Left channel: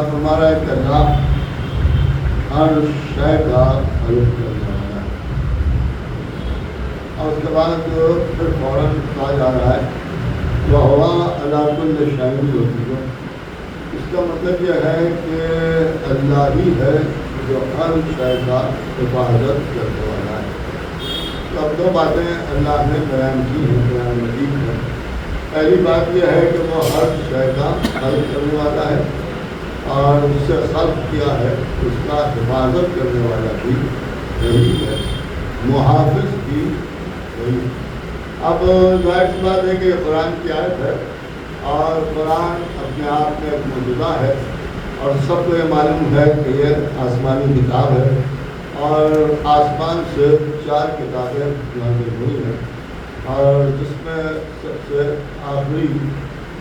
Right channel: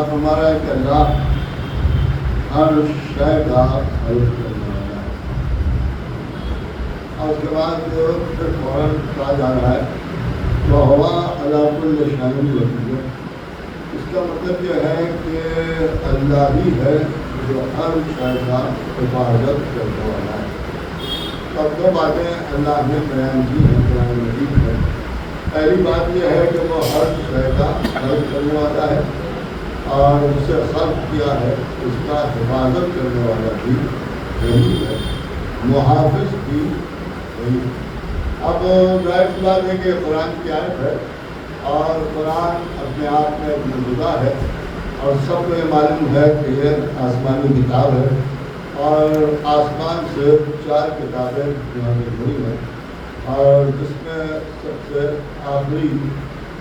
اللہ فرما رہا ہے کہ اللہ ہر شے کا خالق کرنے والا ہے. اور اس کے بعد جو پھر فوراً کہا جا رہا ہے تو ہوا اللہ کل شامل ہوتی ہے. اس کا مطلب یہ ہے کہ اللہ ہی ہے جو ہر شے کا حفاظت کرنے والا ہے. تو اب دو باتیں اللہ نے بیان کی ہیں قرآن مجید میں. پہلی بات یہ ہے کہ وہ ہر شے کا خلق کرنے والا ہے اور اس سے خلق کیا ہے اس کا حفاظت کرنے والا بھی وہی ہے, محافظ بھی وہی. اب ظاہر سی بات ہے کہ قرآن کی آیت ہے اور قرآن اپنے آپ میں موجودہ ہے اور سب کو یہ معلوم ہے کہ یہ آسمانی کتاب ہے اور آسمان سے 4 کتابیں نازل ہوئی ہیں اور جس میں سب سے آخری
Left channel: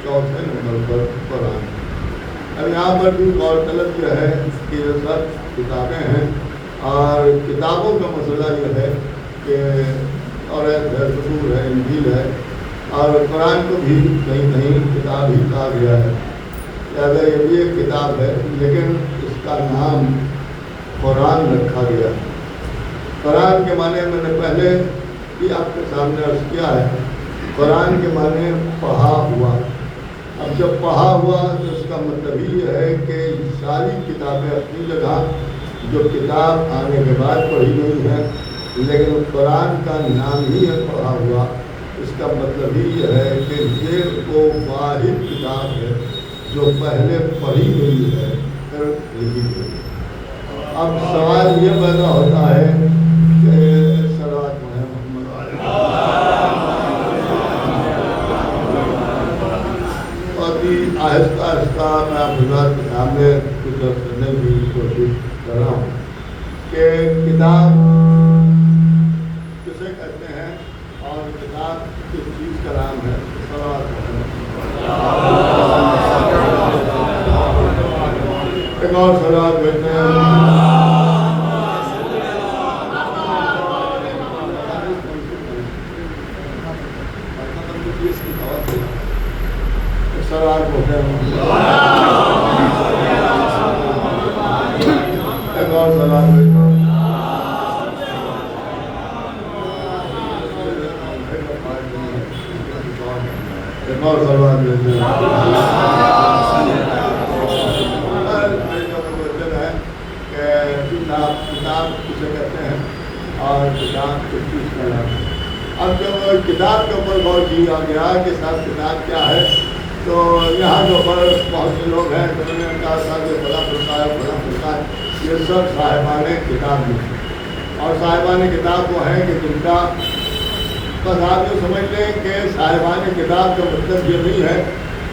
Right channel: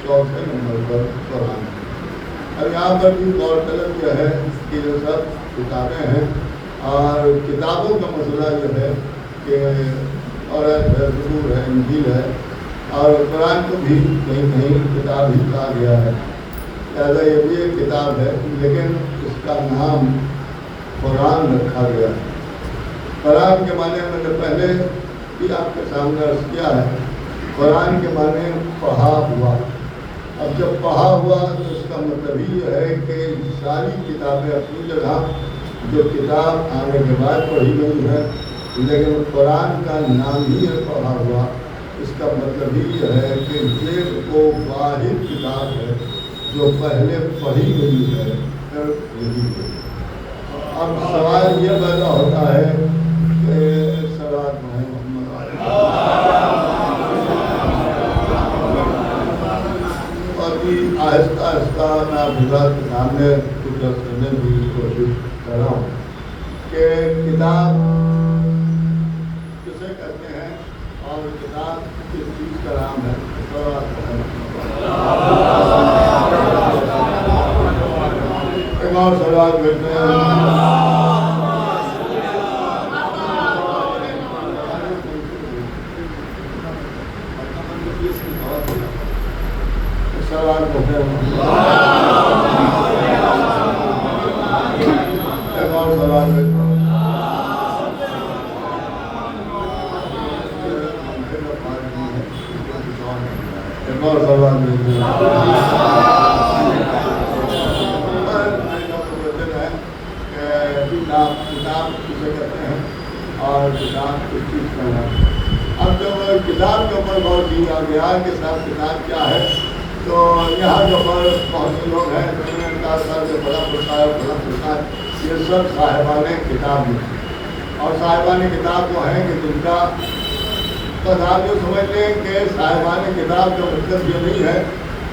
چوتھے نمبر پر قرآن ہے. اور یہاں پر بھی غور طلب یہ ہے کہ یہ سب کتابیں ہیں اور کتابوں کا مسئلہ یہ ہے کہ توریت ہے, زبور ہے, انجیل ہے اور قرآن کو بھی کہیں کہیں کتاب ہی کہا گیا ہے. لہٰذا یہ بھی ایک کتاب ہے لیکن اس کا نام قرآن رکھا گیا ہے. قرآن کے معنی میں نے پہلے بھی آپ کے سامنے عرض کیا ہے. قرآن کے معنی پڑھا ہوا. اب جب پڑھا ہوا تو اس کا مطلب یہ ہے کہ ساری کتابیں اپنی جگہ جو کتاب آنے کے بعد پڑھی گئی ہے لیکن قرآن کا نام ہی ہے پڑھا ہوا. اس کا مطلب ہی یہ ہے کہ یہ وہ واحد کتاب ہے جو پہلے پڑھی گئی ہے پھر لکھی گئی. اب سوال یہ پیدا ہوتا ہے کہ صلوات محمد آہستہ آہستہ میں حضرات کے سامنے کچھ کرنے کی کوشش کر رہا ہوں کہ کتاب کسے کہتے ہیں اور کتاب کس چیز کا نام ہے. ایک اور سوال کرتے ہیں. سوال کرتے ہیں. ایک اور سوال ایک اور سوال کتاب کسے کہتے ہیں اور کتاب کس چیز کا ہے. اب جو کتاب کے اوپر غور کیا گیا کہ صاحب کتاب کیا ہے تو یہاں جو بہت سے لوگ ہیں تو انہوں نے کہا صاحب یہ بڑا پرسار یہ سب صاحبان کتاب ہیں اور صاحبان کتاب وہ ہیں کہ جن کا بس آپ کو سمجھ لیں کہ صاحبان کتاب کا مطلب یہ نہیں ہے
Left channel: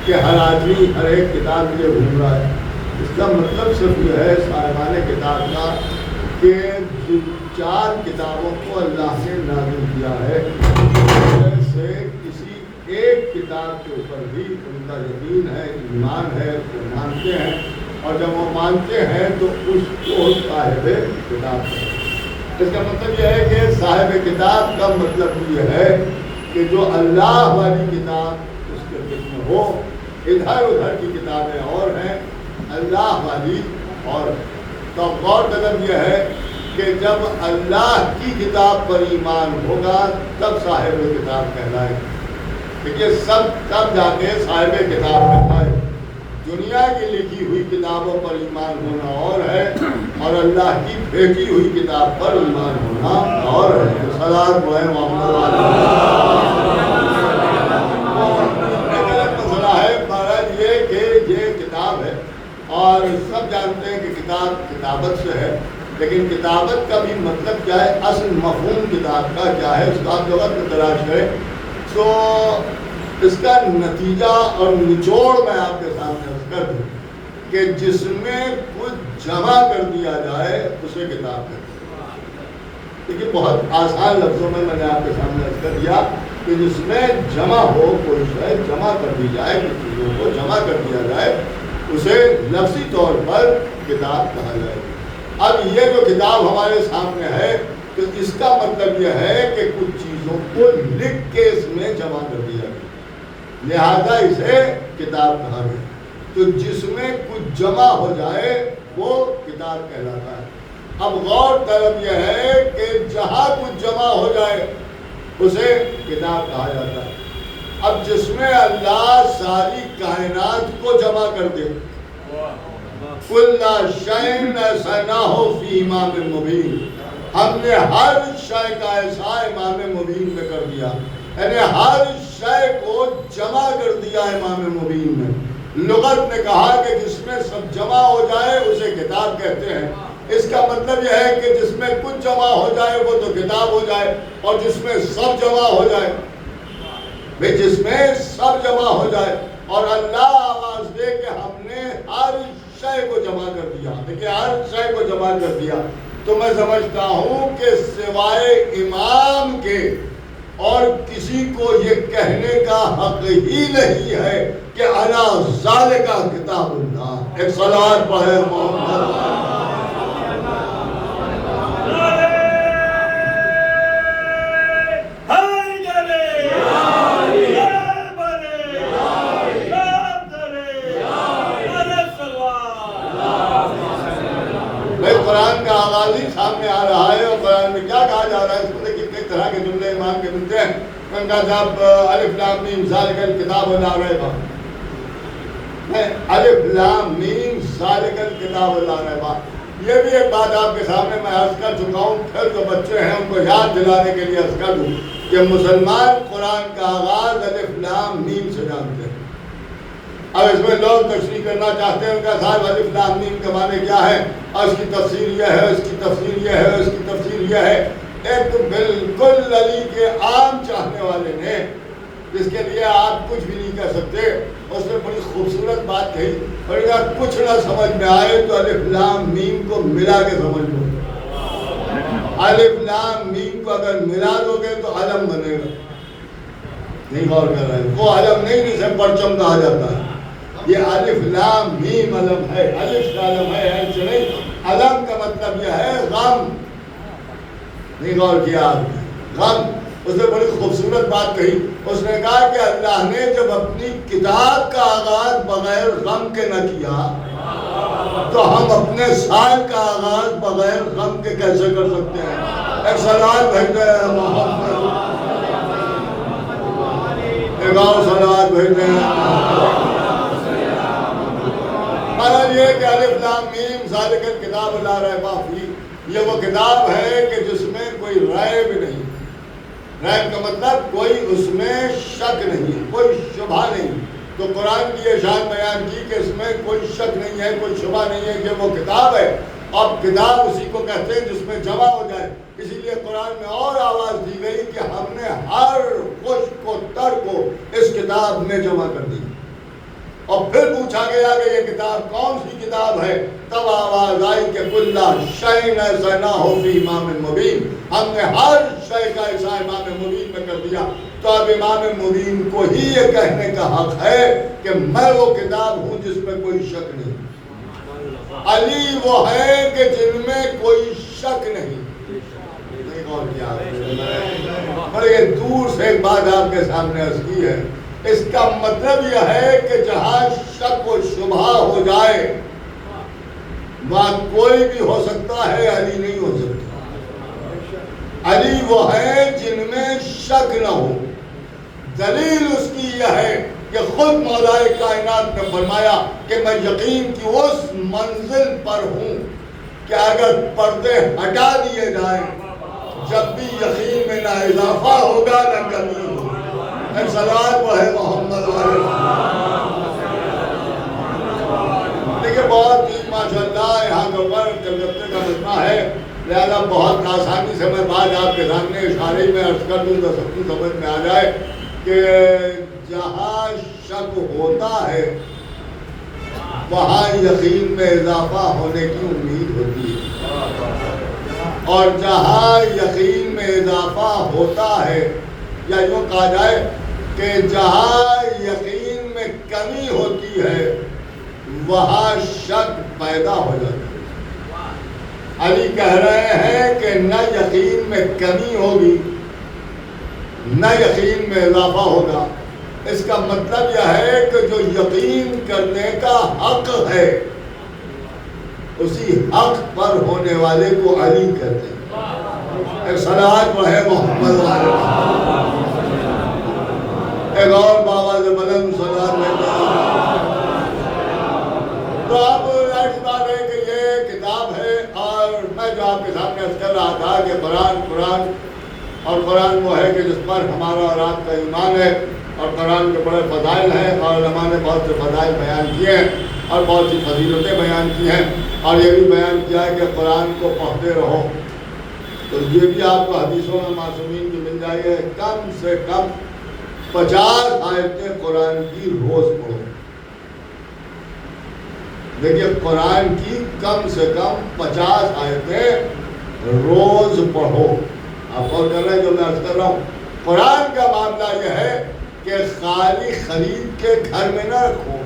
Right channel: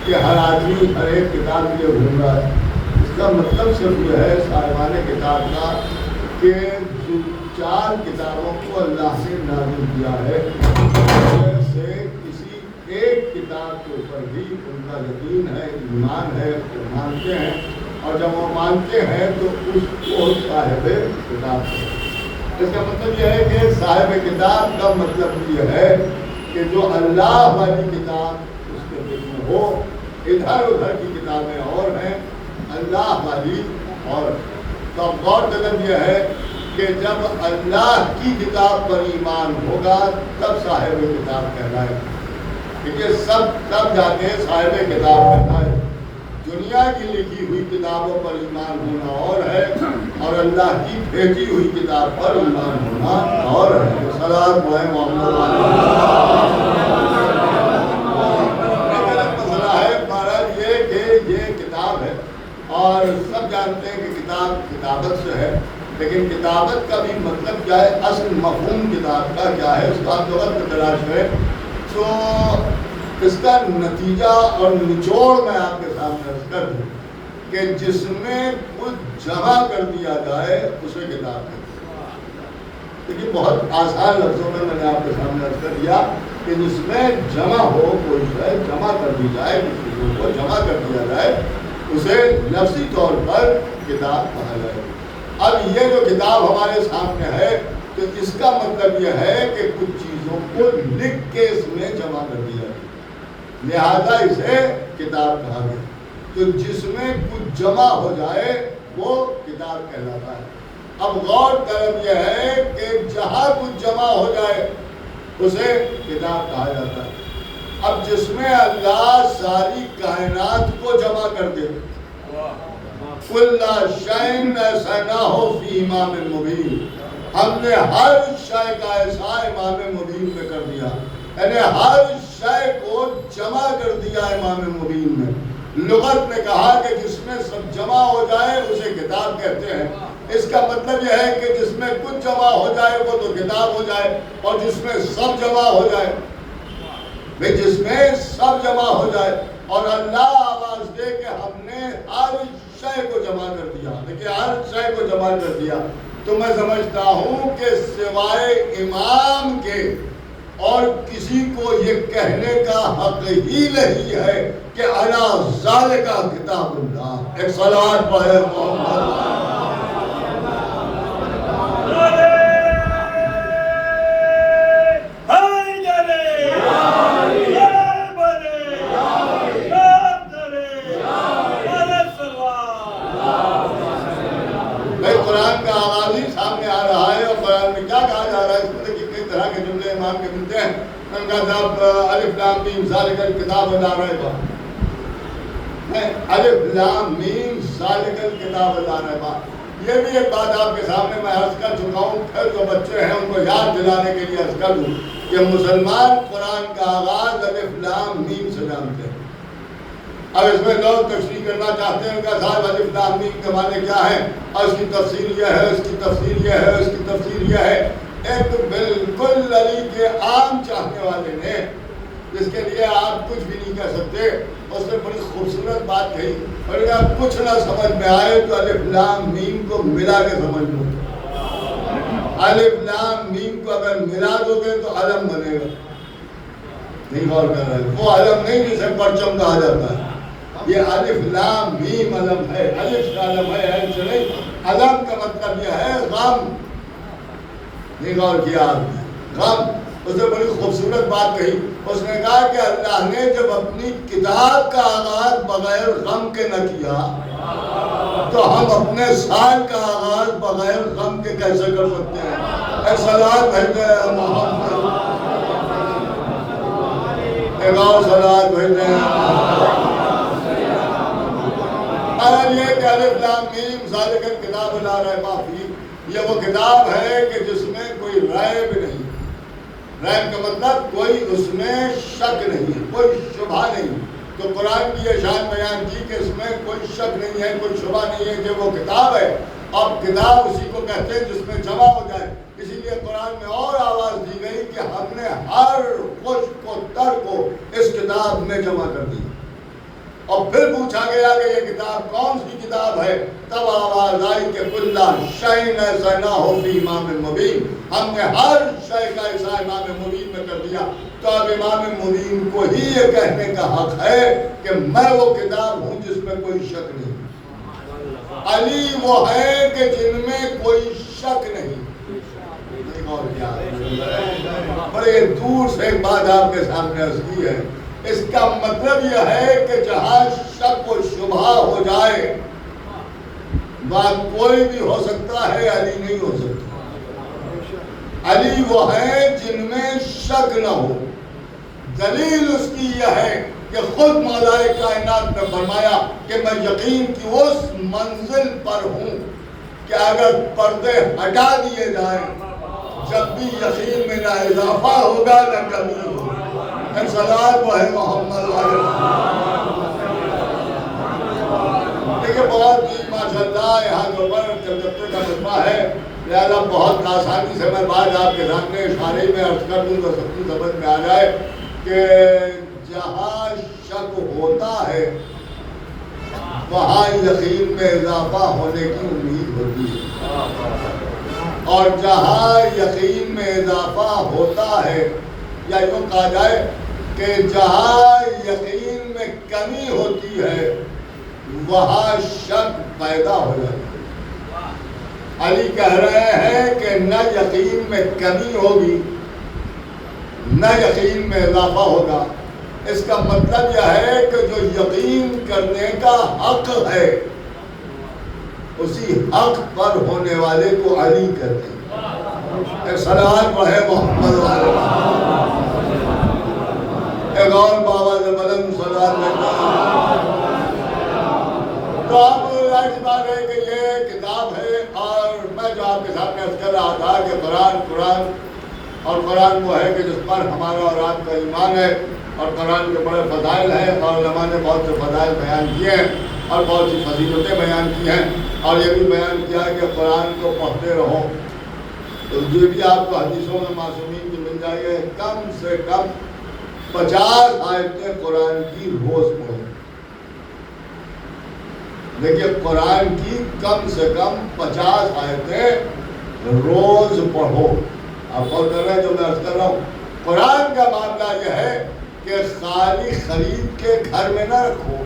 کہ ہر آدمی ہر ایک کتاب کے لیے ڈھونڈ رہا ہے. اس کا مطلب صرف یہ ہے صاحبان کتاب کا کہ 4 کتابوں کو اللہ نے نازل کیا ہے سے کسی ایک کتاب کے اوپر بھی ان کا یقین ہے, ایمان ہے, وہ مانتے ہیں اور جب وہ مانتے ہیں تو اس کو صاحب کتاب ہے. اس کا مطلب یہ ہے کہ صاحب کتاب کا مطلب یہ ہے کہ جو اللہ والی کتاب اس کے دل میں ہو. ادھر ادھر کی کتابیں اور ہیں, اللہ والی اور کا غور طلب یہ ہے کہ جب اللہ کی کتاب پر ایمان ہوگا تب صاحب کتاب کہلائے. کیونکہ سب تب جا کے صاحب کتاب کہلائے. دنیا کی لکھی ہوئی کتابوں پر ایمان ہونا اور ہے اور اللہ کی بھیجی ہوئی کتاب پر ایمان ہونا اور ہے. مسئلہ ہے مہاراج یہ کہ یہ کتاب ہے اور سب جانتے ہیں کہ کتاب کتابت سے ہے, لیکن کتابت کا بھی مطلب کیا ہے, اصل مفہوم کتاب کا کیا ہے, اس کا لغت میں تلاش ہے تو اس کا نتیجہ اور نچوڑ میں آپ کے سامنے عرض کر دوں کہ جس میں کچھ جمع کر دیا جائے اسے کتاب کہتے ہیں. دیکھیے بہت آسان لفظوں میں نے آپ کے سامنے عرض کر دیا کہ جس میں جمع ہو, کوئی شے جمع کر دی جائے, کچھ چیزوں کو جمع کر دیا جائے اسے لفظی طور پر کتاب کہا جائے. اب یہ جو کتاب ہمارے سامنے ہے تو اس کا مطلب یہ ہے کہ کچھ چیزوں کو لکھ کے اس میں جمع کر دیا گیا, لہذا اسے کتاب کہا گیا. تو جس میں کچھ جمع ہو جائے وہ کتاب کہلاتا ہے۔ اب غور طلب یہ ہے کہ جہاں کچھ جمع ہو جائے اسے کتاب کہا جاتا ہے۔ اب جس میں اللہ ساری کائنات کو جمع کر دے، کل شیء احصیناہ فی امام مبین، ہم نے ہر شے کا احصاء امام مبین میں کر دیا، یعنی ہر شے کو جمع کر دیا امام مبین میں۔ لغت نے کہا کہ جس میں سب جمع ہو جائے اسے کتاب کہتے ہیں۔ اس کا مطلب یہ ہے کہ جس میں کچھ جمع ہو جائے وہ تو کتاب ہو جائے، اور جس میں سب جمع ہو جائے، جس میں سب جمع ہو جائے اور اللہ آواز دے کہ ہم نے ہر شے کو جمع کر دیا، دیکھیں ہر شے کو جمع کر دیا، تو میں سمجھتا ہوں کہ سوائے امام کے اور کسی کو یہ کہنے کا حق ہی نہیں ہے کہ انا ذالک کتاب اللہ۔ ایک صلوات پڑھے محمد۔ قرآن کا آغاز ہی سامنے آ رہا ہے، اور قرآن میں کیا کہا جا رہا ہے؟ اس میں دیکھیں کس طرح کے جملے امام کے ملتے ہیں۔ ان کا جب الف لام میم ذالک الکتاب لا ریب، الف لام میم ذالک الکتاب لا ریب، یہ بھی ایک بات آپ کے سامنے میں عرض کر چکا ہوں، پھر جو بچے ہیں ان کو یاد دلانے کے لیے عرض کر دوں کہ مسلمان قرآن کا آغاز الف لام میم سے جانتے ہیں۔ اب اس میں لوگ تشریح کرنا چاہتے ہیں کہ صاحب الف لام میم کے معنی کیا ہے، اور اس کی تفسیر یہ ہے، اس کی تفسیر یہ ہے، اس کی تفسیر یہ ہے۔ ایک بالکل علی کے عام چاہنے والے نے، جس کے لیے آپ کچھ بھی نہیں کہہ سکتے، اس نے بڑی خوبصورت بات کہی، اور اگر کچھ نہ سمجھ میں آئے تو الف لام میم کو ملا کے سمجھ لو۔ الف لام میم کو اگر ملا دو گے تو علم بنے گا۔ نہیں غور کر رہے، وہ علم نہیں جسے پرچم کہا جاتا ہے، یہ الف لام میم علم ہے، الف کا علم ہے، الف نہیں۔ علم کا مطلب یہ ہے غم۔ نہیں غور کیا آپ نے؟ غم۔ اس نے بڑی خوبصورت بات کہی، اس نے کہا کہ اللہ نے جب اپنی کتاب کا آغاز بغیر غم کے نہ کیا تو ہم اپنے سال کا آغاز بغیر غم کے کیسے کر سکتے ہیں؟ اے صلوات بھیجے محمد، ایک اور صلوات بھیجے۔ اور یہ کہ الف لام میم ذالک الکتاب لا ریب فیہ، یہ وہ کتاب ہے کہ جس میں کوئی ریب نہیں۔ ریب کا مطلب کوئی اس میں شک نہیں، کوئی شبہ نہیں۔ تو قرآن کی یہ شان بیان کی کہ اس میں کوئی شک نہیں ہے، کوئی شبہ نہیں ہے کہ وہ کتاب ہے۔ اب کتاب اسی کو کہتے ہیں جس میں جمع ہو جائے، اسی لیے قرآن میں اور آواز دی گئی کہ ہم نے ہر خشک و تر کو اس کتاب میں جمع کر دی۔ اور پھر پوچھا گیا کہ یہ کتاب کون سی کتاب ہے، تب آواز آئی کہ کل شیء احصیناہ فی امام مبین، ہم نے ہر شے کا احصاء امام مبین میں کر دیا۔ تو اب امام مبین کو ہی یہ کہنے کا حق ہے کہ میں وہ کتاب ہوں جس میں کوئی شک نہیں۔ علی وہ ہے کہ جن میں کوئی شک نہیں۔ بڑے دور سے ایک بات آپ کے سامنے عرض کی ہے، اس کا مطلب یہ ہے کہ جہاں شک و شبہ ہو جائے وہاں کوئی بھی ہو سکتا ہے، علی نہیں ہو سکتا۔ علی وہ ہے جن میں شک نہ ہو۔ دلیل اس کی یہ ہے کہ خود مولا کائنات نے فرمایا کہ میں یقین کی اس منزل پر ہوں کہ اگر پردے ہٹا دیے جائیں جب بھی یقین میں نہ اضافہ ہوگا نہ کمی ہوگا۔ صلوات وہ ہے محمد دیکھیں بہت ہی ماشاءاللہ یہاں کے اوپر کلکتے کا مجمع ہے، لہذا بہت آسانی سے میں بات آپ کے سامنے اشارے میں عرض کر دوں تو سب کی سمجھ میں آ جائے کہ جہاں شک ہوتا ہے وہاں یقین میں اضافہ ہونے کی امید ہوتی ہے، اور جہاں یقین میں اضافہ ہوتا ہے، یا یوں کہا جائے کہ جہاں یقین میں کمی ہوتی ہے وہاں شک پیدا ہو جاتی ہے۔ علی کہہ رہے ہیں کہ نہ یقین میں کمی ہوگی نہ یقین میں اضافہ ہوگا، اس کا مطلب یہ ہے کہ جو یقین کرنے کا حق ہے اسی حق پر ہونے والے کو علی کہتے ہیں۔ ایک صلوات پڑھے محمد وعلی ایک اور بابا سے بلند صلوات پڑھتا۔ تو اب ایسی بات ہے کہ یہ کتاب ہے، اور میں جو آپ کے سامنے عرض کر رہا تھا کہ قرآن اور قرآن وہ ہے کہ جس پر ہمارا اور آپ کا ایمان ہے، اور قرآن کے بڑے فضائل ہیں، اور علماء نے بہت سے فضائل بیان کیے ہیں اور بہت سی فضیلتیں بیان کی ہیں، اور یہ بھی بیان کیا ہے کہ قرآن کو پڑھتے رہو۔ تو یہ بھی آپ کو حدیثوں میں معصومین کی مل جائے گا، کم سے کم 50 آیتیں قرآن کی روز پڑھو۔ دیکھیے قرآن کی کم سے کم 50 آیتیں روز پڑھو۔ آپ غور کر رہے ہیں جو میں عرض کر رہا ہوں؟ قرآن کا معاملہ یہ ہے کہ خالی خرید کے گھر میں نہ رکھو،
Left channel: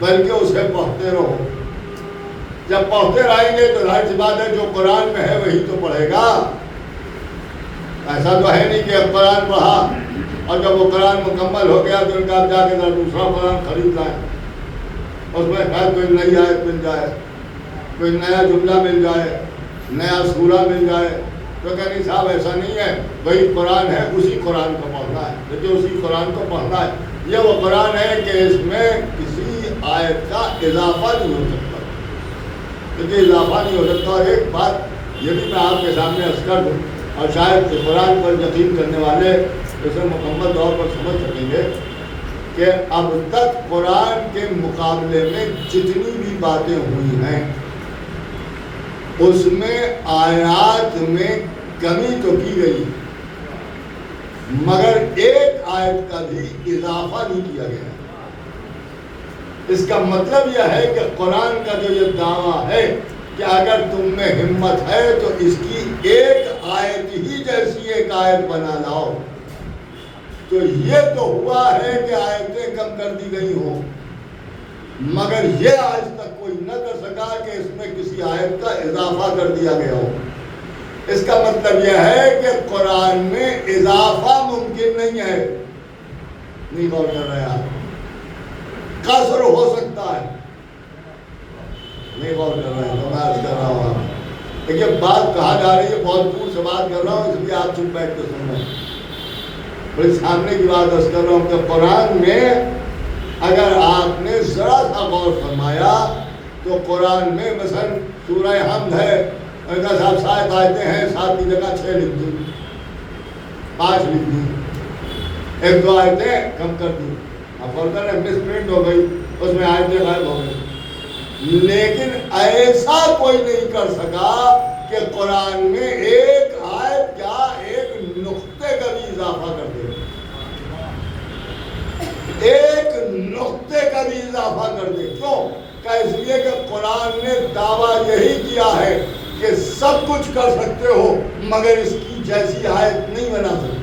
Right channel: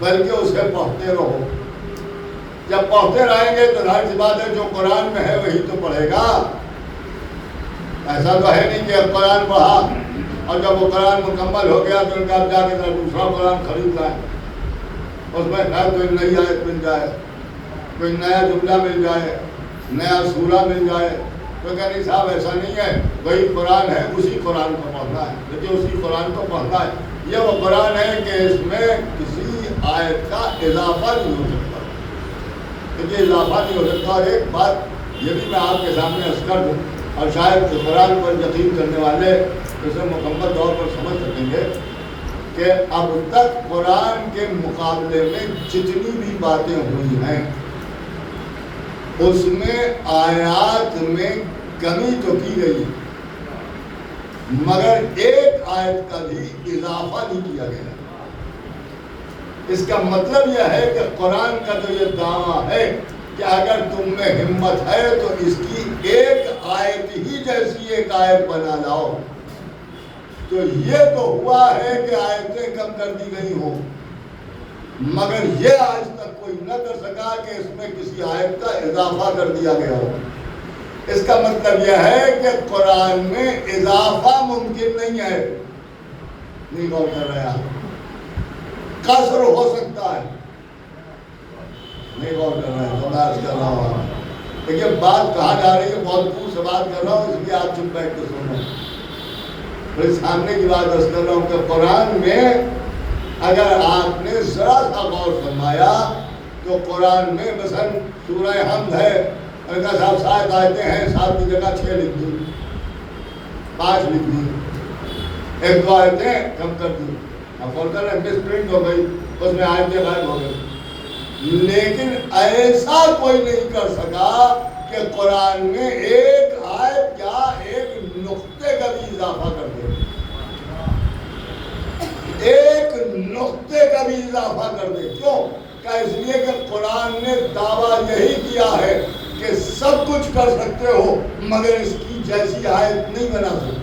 بلکہ اسے پڑھتے رہو۔ جب پڑھتے رہیں گے تو ظاہر سی بات ہے جو قرآن میں ہے وہی تو پڑھے گا۔ ایسا تو ہے نہیں کہ اب قرآن پڑھا اور جب وہ قرآن مکمل ہو گیا تو ان کا جا کے دوسرا قرآن خرید لائے، اس میں خیر کوئی نئی آیت مل جائے، کوئی نیا جملہ مل جائے، نیا سورہ مل جائے، تو کہنے صاحب ایسا نہیں ہے، وہی قرآن ہے، اسی قرآن کو پڑھنا ہے، لیکن اسی قرآن کو پڑھنا ہے۔ یہ وہ قرآن ہے کہ اس میں کسی آیت کا اضافہ نہیں ہو سکتا، کیونکہ اضافہ نہیں ہو سکتا۔ اور ایک بات یہ بھی میں آپ کے سامنے عرض کر دوں، اور شاید قرآن پر یقین کرنے والے اسے مکمل طور پر سمجھ سکیں گے کہ اب تک قرآن کے مقابلے میں جتنی بھی باتیں ہوئی ہیں اس میں آیات میں کمی تو کی گئی، مگر ایک آیت کا بھی اضافہ نہیں کیا گیا۔ اس کا مطلب یہ ہے کہ قرآن کا جو یہ دعویٰ ہے کہ اگر تم میں ہمت ہے تو اس کی ایک آیت ہی جیسی ایک آیت بنا لاؤ، تو یہ تو ہوا ہے کہ آیتیں کم کر دی گئی ہوں، مگر یہ آج تک کوئی نہ کر سکا کہ اس میں کسی آیت کا اضافہ کر دیا گیا ہو۔ اس کا مطلب یہ ہے کہ قرآن میں اضافہ ممکن نہیں ہے۔ نہیں غور کر رہے آپ؟ قصر ہو سکتا ہے، نہیں غور کر رہے ہیں؟ میں عرض کر رہا ہوں دیکھیے بات کہاں جا رہی ہے، بہت دور سے بات کر رہا ہوں، اس لیے آپ چپ بیٹھ کے سن رہے ہیں۔ پھر سامنے کی بات عرض کر رہا ہوں کہ قرآن میں اگر آپ نے ذرا سا غور فرمایا تو قرآن میں مثلا سورہ حمد ہے، انکا صاحب 7 آیتیں ہیں، 7 کی جگہ 6 لکھ دی، 5 لکھ دی، 1-2 آیتیں کم کر دی، اب فلتر ہے مس پرنٹ ہو گئی، اس میں آیتیں غائب ہو گئی۔ لیکن ایسا کوئی نہیں کر سکا کہ قرآن میں ایک آیت کیا ایک نقطے کا بھی اضافہ کر دے، ایک نقطے کا بھی اضافہ کر دے۔ کیوں؟ کہ اس لیے کہ قرآن نے دعویٰ یہی کیا ہے کہ سب کچھ کر سکتے ہو مگر اس کی جیسی آیت نہیں بنا سکتے،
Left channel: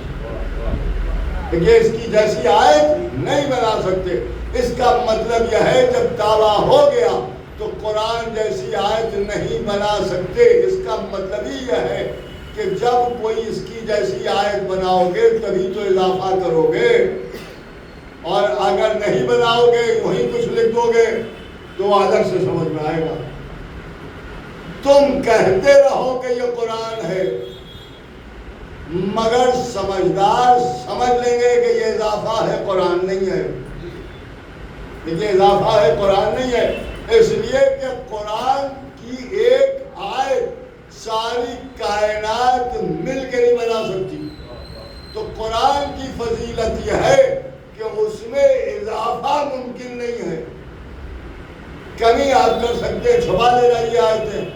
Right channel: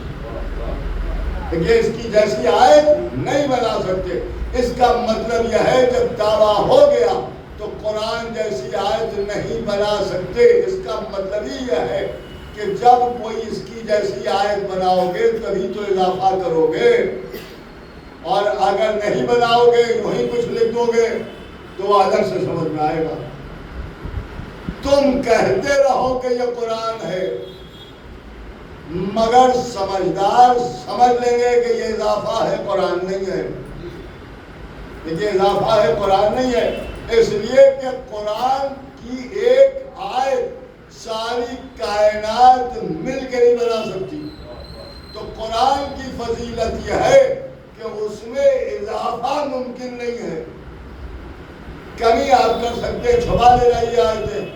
کہ اس کی جیسی آیت نہیں بنا سکتے۔ اس کا مطلب یہ ہے جب دعویٰ ہو گیا تو قرآن جیسی آیت نہیں بنا سکتے۔ اس کا مطلب ہی یہ ہے کہ جب کوئی اس کی جیسی آیت بناؤ گے تبھی تو اضافہ کرو گے، اور اگر نہیں بناؤ گے وہی کچھ لکھ دو گے تو الگ سے سمجھ میں آئے گا۔ تم کہتے رہو کہ یہ قرآن ہے، مگر سمجھدار سمجھ لیں گے کہ یہ اضافہ ہے، قرآن نہیں ہے، یہ اضافہ ہے، قرآن نہیں ہے۔ اس لیے کہ قرآن کی ایک آیت ساری کائنات مل کے نہیں بنا سکتی۔ تو قرآن کی فضیلت یہ ہے کہ اس میں اضافہ ممکن نہیں ہے، کمی آپ کر سکتے ہیں، چھپا لے جائیے آیتیں،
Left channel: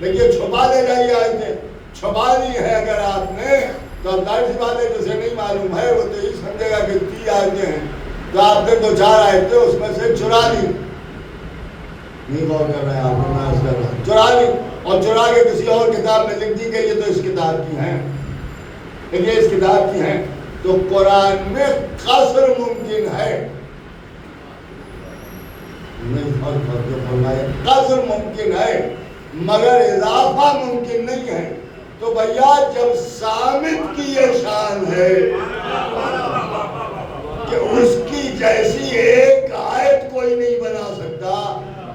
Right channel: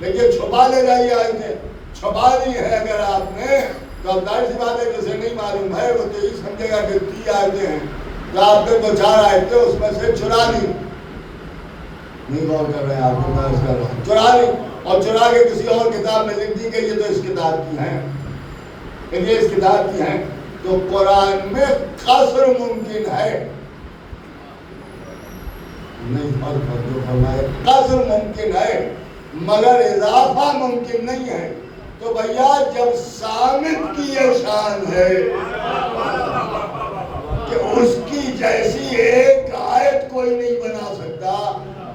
دیکھیے چھپا لے جائیے آیتیں، چھپا لی ہے اگر آپ نے تو اب ظاہر سی بات ہے جسے نہیں معلوم ہے وہ تو یہ سمجھے گا کہ 3 آیتیں ہیں، تو آپ نے 2-4 آیتیں اس میں سے چرا لی، نہیں غور کر رہے ہیں آپ نے، میں کر رہا ہوں، چرا لی اور چرا کے کسی اور کتاب میں لکھ دی کہ یہ تو اس کتاب کی ہیں، یہ اس کتاب کی ہیں۔ تو قرآن میں قصر ممکن ہے، نہیں قصر ممکن ہے مگر اضافہ ممکن نہیں ہے۔ تو بھیا جب صامت کی یہ شان ہے کہ اس کی جیسی ایک آیت کوئی نہیں بنا سکتا،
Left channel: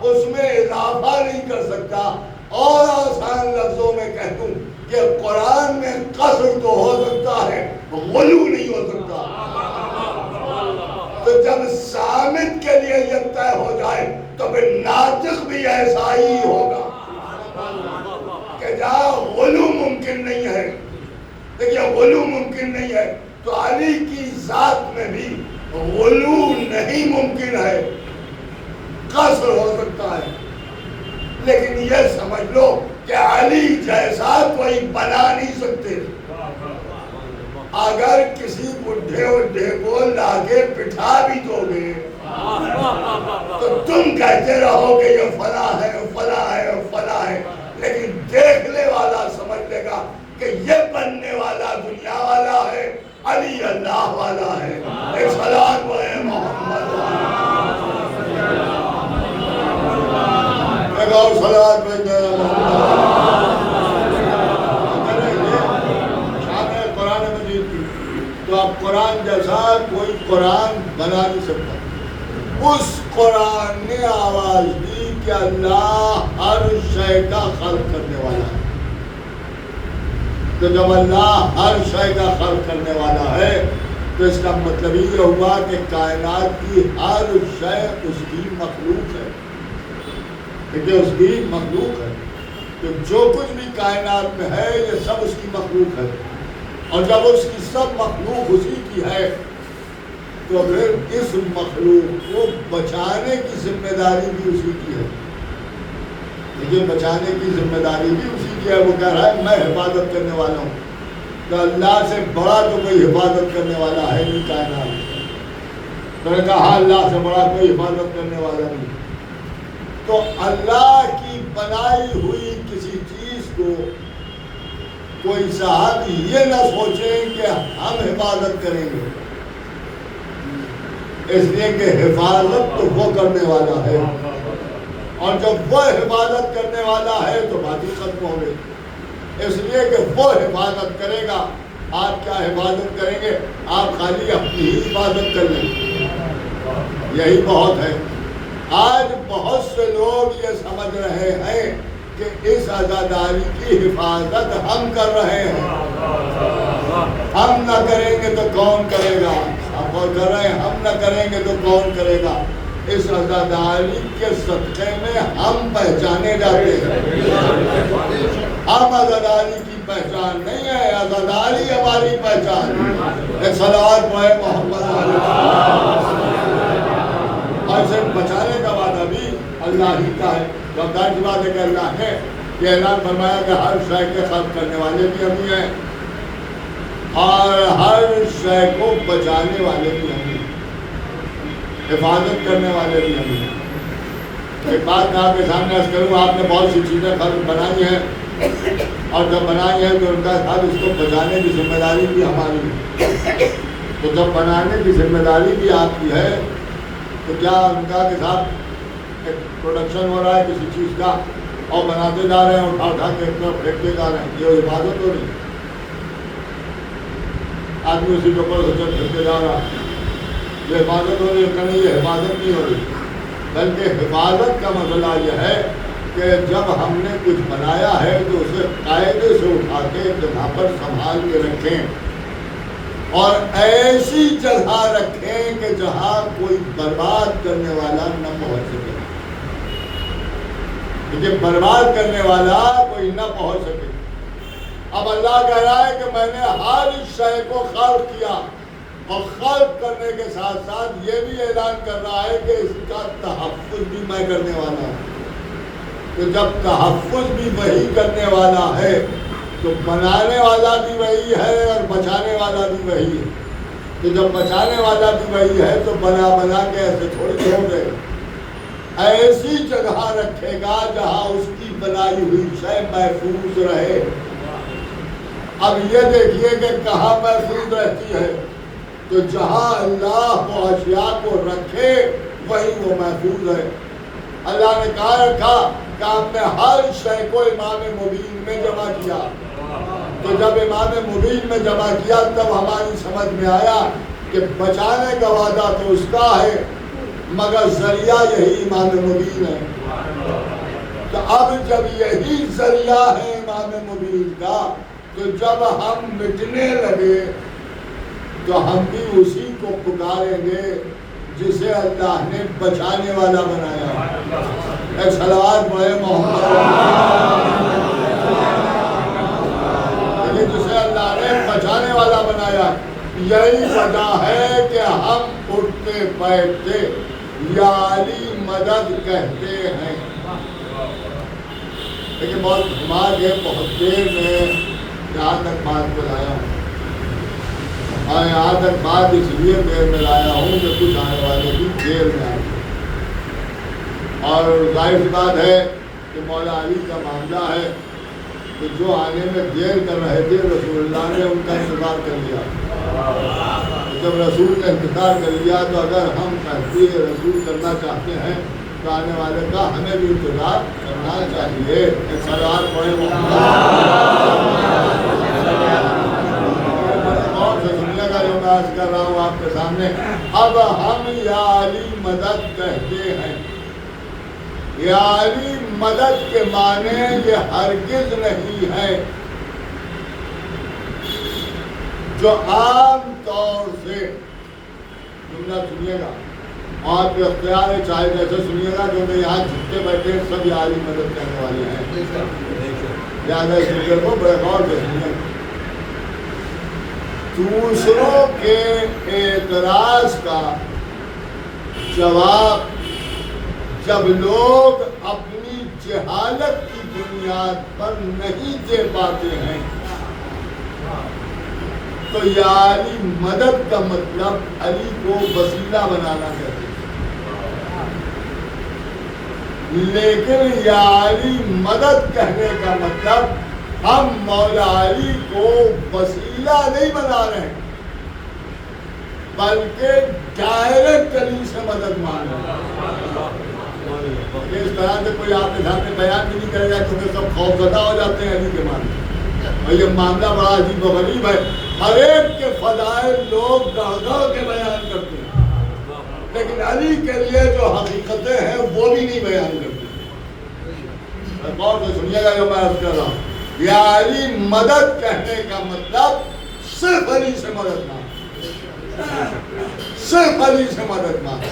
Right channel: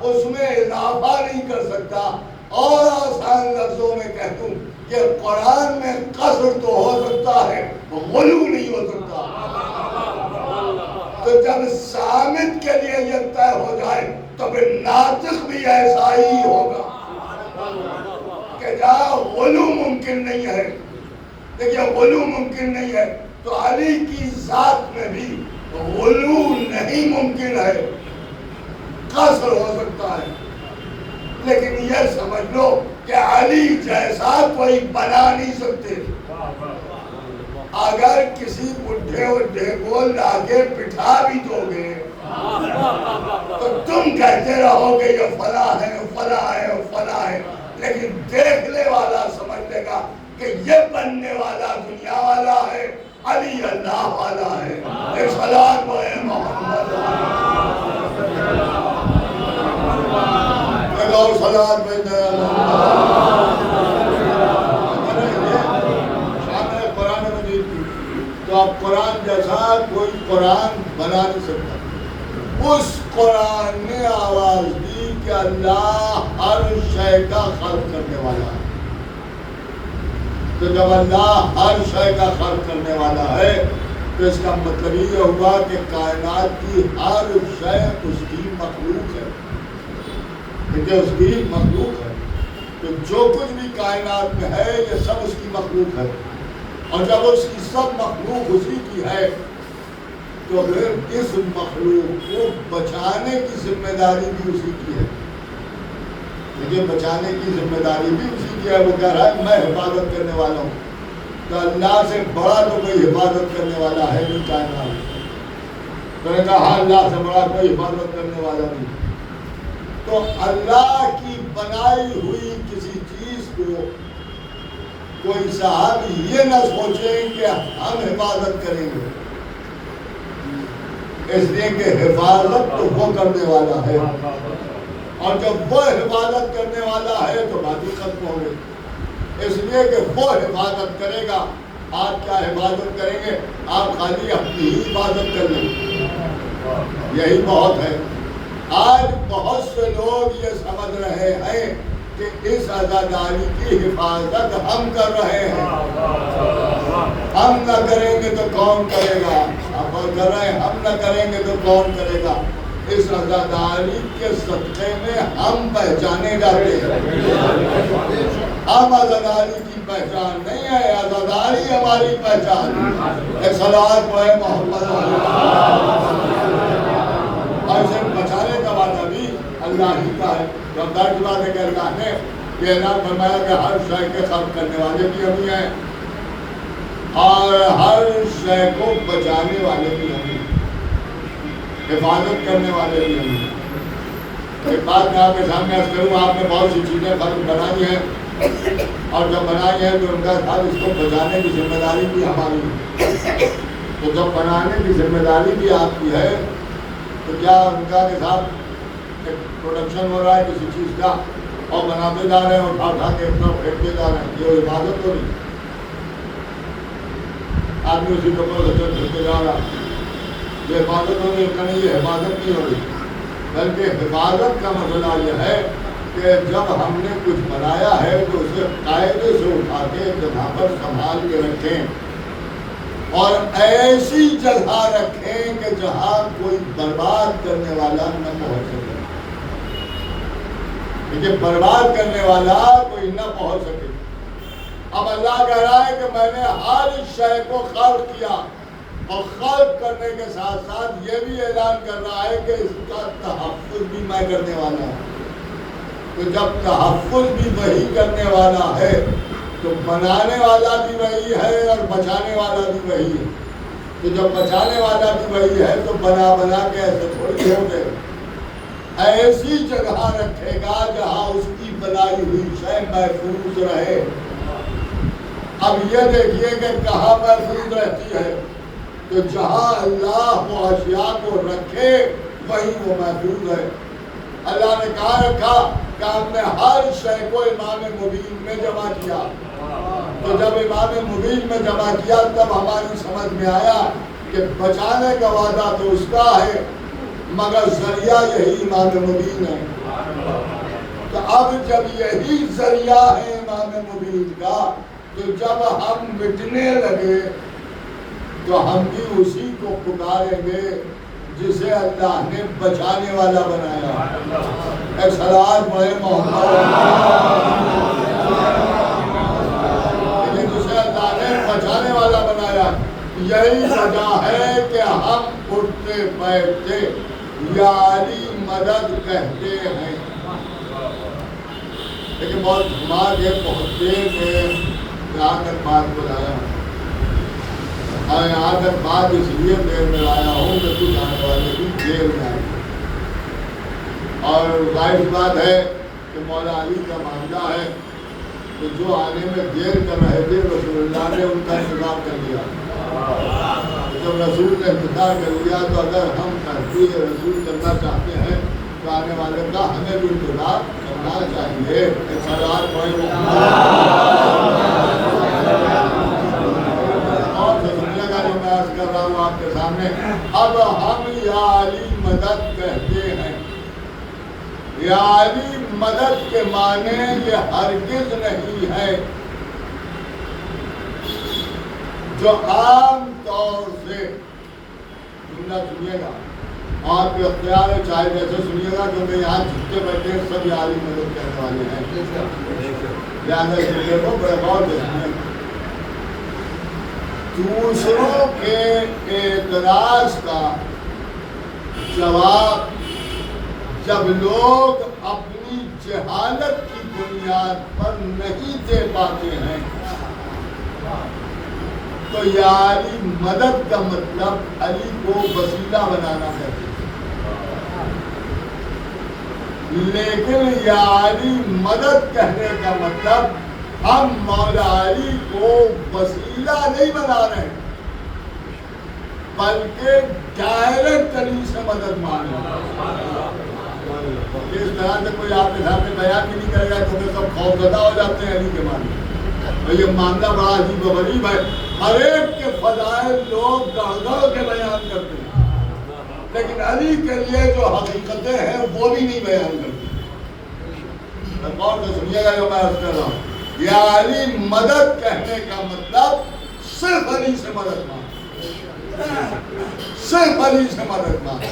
اس میں اضافہ نہیں کر سکتا۔ اور آسان لفظوں میں کہہ دوں کہ قرآن میں قصر تو ہو سکتا ہے، غلو نہیں ہو سکتا۔ تو جب سامت کے لیے یہ طے ہو جائے تو پھر ناطق بھی ایسا ہی ہوگا کہ جہاں غلو ممکن نہیں ہے، دیکھیے غلو ممکن نہیں ہے تو علی کی ذات میں بھی غلو نہیں ممکن ہے، قصر ہو سکتا ہے۔ لیکن یہ سمجھ لو کہ علی جیسا کوئی بنا نہیں سکتے۔ اگر کسی بڈھے کو لاگے بٹھا بھی دو گے تو تم کہتے رہو کہ یہ فلاں ہے فلاں ہے فلاں ہے، لیکن دیکھنے والا سمجھ لے گا کہ یہ بننے والا دنیا والا ہے، علی اللہ والا ہے۔ ایک صلوات ہے محمد تو اب قرآن جیسا کوئی قرآن بنا نہیں سکتا۔ اس قرآن نے آواز دی کہ اللہ ہر شے کا خلق کرنے والا ہے۔ تو جب اللہ ہر شے کا خلق کرنے والا ہے تو اس کا مطلب یہ ہوا کہ کائنات کی ہر شے اس کی مخلوق ہے، کیونکہ اس کی مخلوق ہے۔ تو جو کچھ بھی کائنات میں ہے یہ سب اس کی مخلوق ہے، اور جب اس کی سب مخلوق اسی کی ہے تو پھر اس مخلوق کو بچانے کی ذمہ داری بھی اسی کی ہے۔ لیکن بچانے کی ذمہ داری بھی اسی کی ہے۔ وہ کہہ رہا ہے میں حفاظت کرنے والا ہوں، تو اللہ سے بڑا تو کوئی حفاظت کرنے والا ہے نہیں کائنات۔ تو نے کہا اللہ سے بڑا کوئی حفاظت کرنے والا نہیں۔ تو اللہ کی بنائی ہوئی کسی چیز کو کوئی صحابی یہ نہ سوچیں کہ ہم حفاظت کریں گے، اس لیے کہ حفاظت تو وہ کرنے والا ہے، اور جب وہ حفاظت کرنے والا ہے تو باقی ختم ہو گئے۔ اس لیے کہ وہ حفاظت کرے گا، آپ کیا حفاظت کریں گے؟ آپ خالی اپنی ہی حفاظت کر لیں، یہی بہت ہے۔ آج بہت سے لوگ یہ سمجھ رہے ہیں کہ اس عزاداری کی حفاظت ہم کر رہے ہیں، ہم نہ کریں گے تو کون کرے گا؟ آپ کر رہے ہیں ہم نہ کریں گے تو کون کرے گا؟ اس عزاداری کے صدقے میں ہم پہچانے جاتے ہیں۔ ہم عزاداری کی پہچان نہیں ہے، عزاداری ہماری پہچان ہے۔ ایک صلوات پڑھے محمد اور اسے بچانے کا وعدہ بھی اللہ ہی کا ہے۔ رمضان کی بات ہے کہ اللہ نے یہ اعلان فرمایا کہ ہر شے کے خلق کرنے والے بھی ہم ہی ہیں، اور ہر شے کو بچانے والے بھی ہم ہی ہیں، حفاظت کرنے والے بھی ہم ہی ہیں۔ ایک بات میں آپ کے سامنے عرض کروں، آپ نے بہت سی چیزیں خلق بنائی ہیں، اور جب بنائی ہے تو ان کا صاحب اس کو بچانے کی ذمہ داری بھی ہماری ہے۔ تو جب بنانے کی ذمہ داری بھی آپ کی ہے تو کیا ان کا کے ساتھ پروڈکشن ہو رہا ہے کسی چیز کا اور بناتے جا رہے ہیں، اٹھا اٹھا کے اپنا پھینکتے جا رہے ہیں، یہ حفاظت ہو رہی؟ آدمی اسی کے اوپر سے پھینکتے جا رہا ہے، یہ حفاظت ہو رہی ہے؟ نہیں، یہ حفاظت نہیں ہو رہی، بلکہ حفاظت کا مسئلہ یہ ہے کہ جب ہم نے کچھ بنایا ہے تو اسے قاعدے سے اٹھا کے جگہ پر سنبھال کے رکھیں، اور ایسی جگہ رکھیں کہ جہاں کوئی برباد کرنے والا نہ پہنچ سکے، کیونکہ برباد کرنے والا کوئی نہ پہنچ سکے۔ اب اللہ کہہ رہا ہے کہ میں نے ہر شے کو خلق کیا، اور خلق کرنے کے ساتھ ساتھ یہ بھی اعلان کر رہا ہے کہ اس کا تحفظ بھی میں کرنے والا ہوں۔ تو جب تحفظ بھی وہی کرنے والا ہے تو بنانے والا بھی وہی ہے اور بچانے والا بھی وہی ہے۔ تو جب بچانے والا بھی وہی ہے تو بنا بنا کے ایسے تھوڑی ہو گئے، ایسی جگہ رکھے گا جہاں اس کی بنائی ہوئی شے محفوظ رہے۔ اب یہ دیکھیے کہ کہاں محفوظ رہتی ہے، تو جہاں اللہ وہ اشیاء کو رکھے وہی وہ محفوظ ہے۔ اللہ نے کہاں رکھا کہ آپ نے ہر شے کو امام مبین میں جمع کیا، تو جب امام مبین میں جمع کیا تب ہماری سمجھ میں آیا کہ بچانے کا وعدہ تو اس کا ہے مگر ذریعہ یہی امام مبین ہے. تو اب جب یہی ذریعہ ہے امام مبین کا تو جب ہم مٹنے لگے تو ہم بھی اسی کو پکاریں گے جسے اللہ نے بچانے والا بنایا. ایک صلوات پڑھے محمد. جسے اللہ نے بچانے والا بنایا. یہی وجہ ہے کہ ہم اٹھتے بیٹھتے یا علی مدد کہتے ہیں. لیکن بہت دماغ ہے, بہت دیر میں یہاں تک بات کو لایا ہوں. یہاں تک بات اس لیے میں لایا ہوں کہ کچھ آنے والے بھی جیل میں آئے. اور ظاہر سی بات ہے کہ مولا علی کا معاملہ ہے کہ جو آنے میں دیر کر رہے تھے رسول اللہ نے ان کا انتظار کر لیا. جب رسول نے انتظار کر لیا تو اگر ہم تحقیق رسول کرنا چاہتے ہیں تو آنے والے کا ہمیں بھی انتظار کرنا چاہیے. ایک سردار کر رہا ہوں آپ کے سامنے. اب ہم یا علی مدد کہتے ہیں. یا علی مدد کے معنی یہ ہرگز نہیں ہے جو عام طور سے جملہ سنیے گا, آپ کے اختیار ہے چاہے جیسے سنیے گا, کیونکہ یہاں جتنے بیٹھے سب یا علی مدد کہنے والے ہیں. لہٰذا سنیے کو بڑے غور سے سنیے. دوسروں کے اعتراض کا جواب جب لوگ اپنی جہالت کی بنیاد پر نہیں دے پاتے ہیں تو یا علی مدد کا مطلب علی کو وسیلہ بنانا ہے. لیکن یا علی مدد کہنے کا مطلب ہم مولا علی کو وسیلہ نہیں بنا رہے بلکہ ڈائریکٹ علی سے مدد مانگ رہے ہیں. اس طرح سے کوئی آپ کے سامنے بیان بھی نہیں کرے گا کیونکہ سب خوفزدہ ہو جاتے ہیں علی کے معاملے. یہ معاملہ بڑا عجیب و غریب ہے. ہر ایک کے فضائل لوگ گڑھ کے بیان کرتے ہیں لیکن علی کے لیے جو حقیقتیں ہیں وہ بھی نہیں بیان کرتے. غور سے سنیے گا جو میں عرض کر رہا ہوں. یا علی مدد کہنے کا مطلب صرف علی سے مدد مانگ, صرف علی سے مدد مانگ.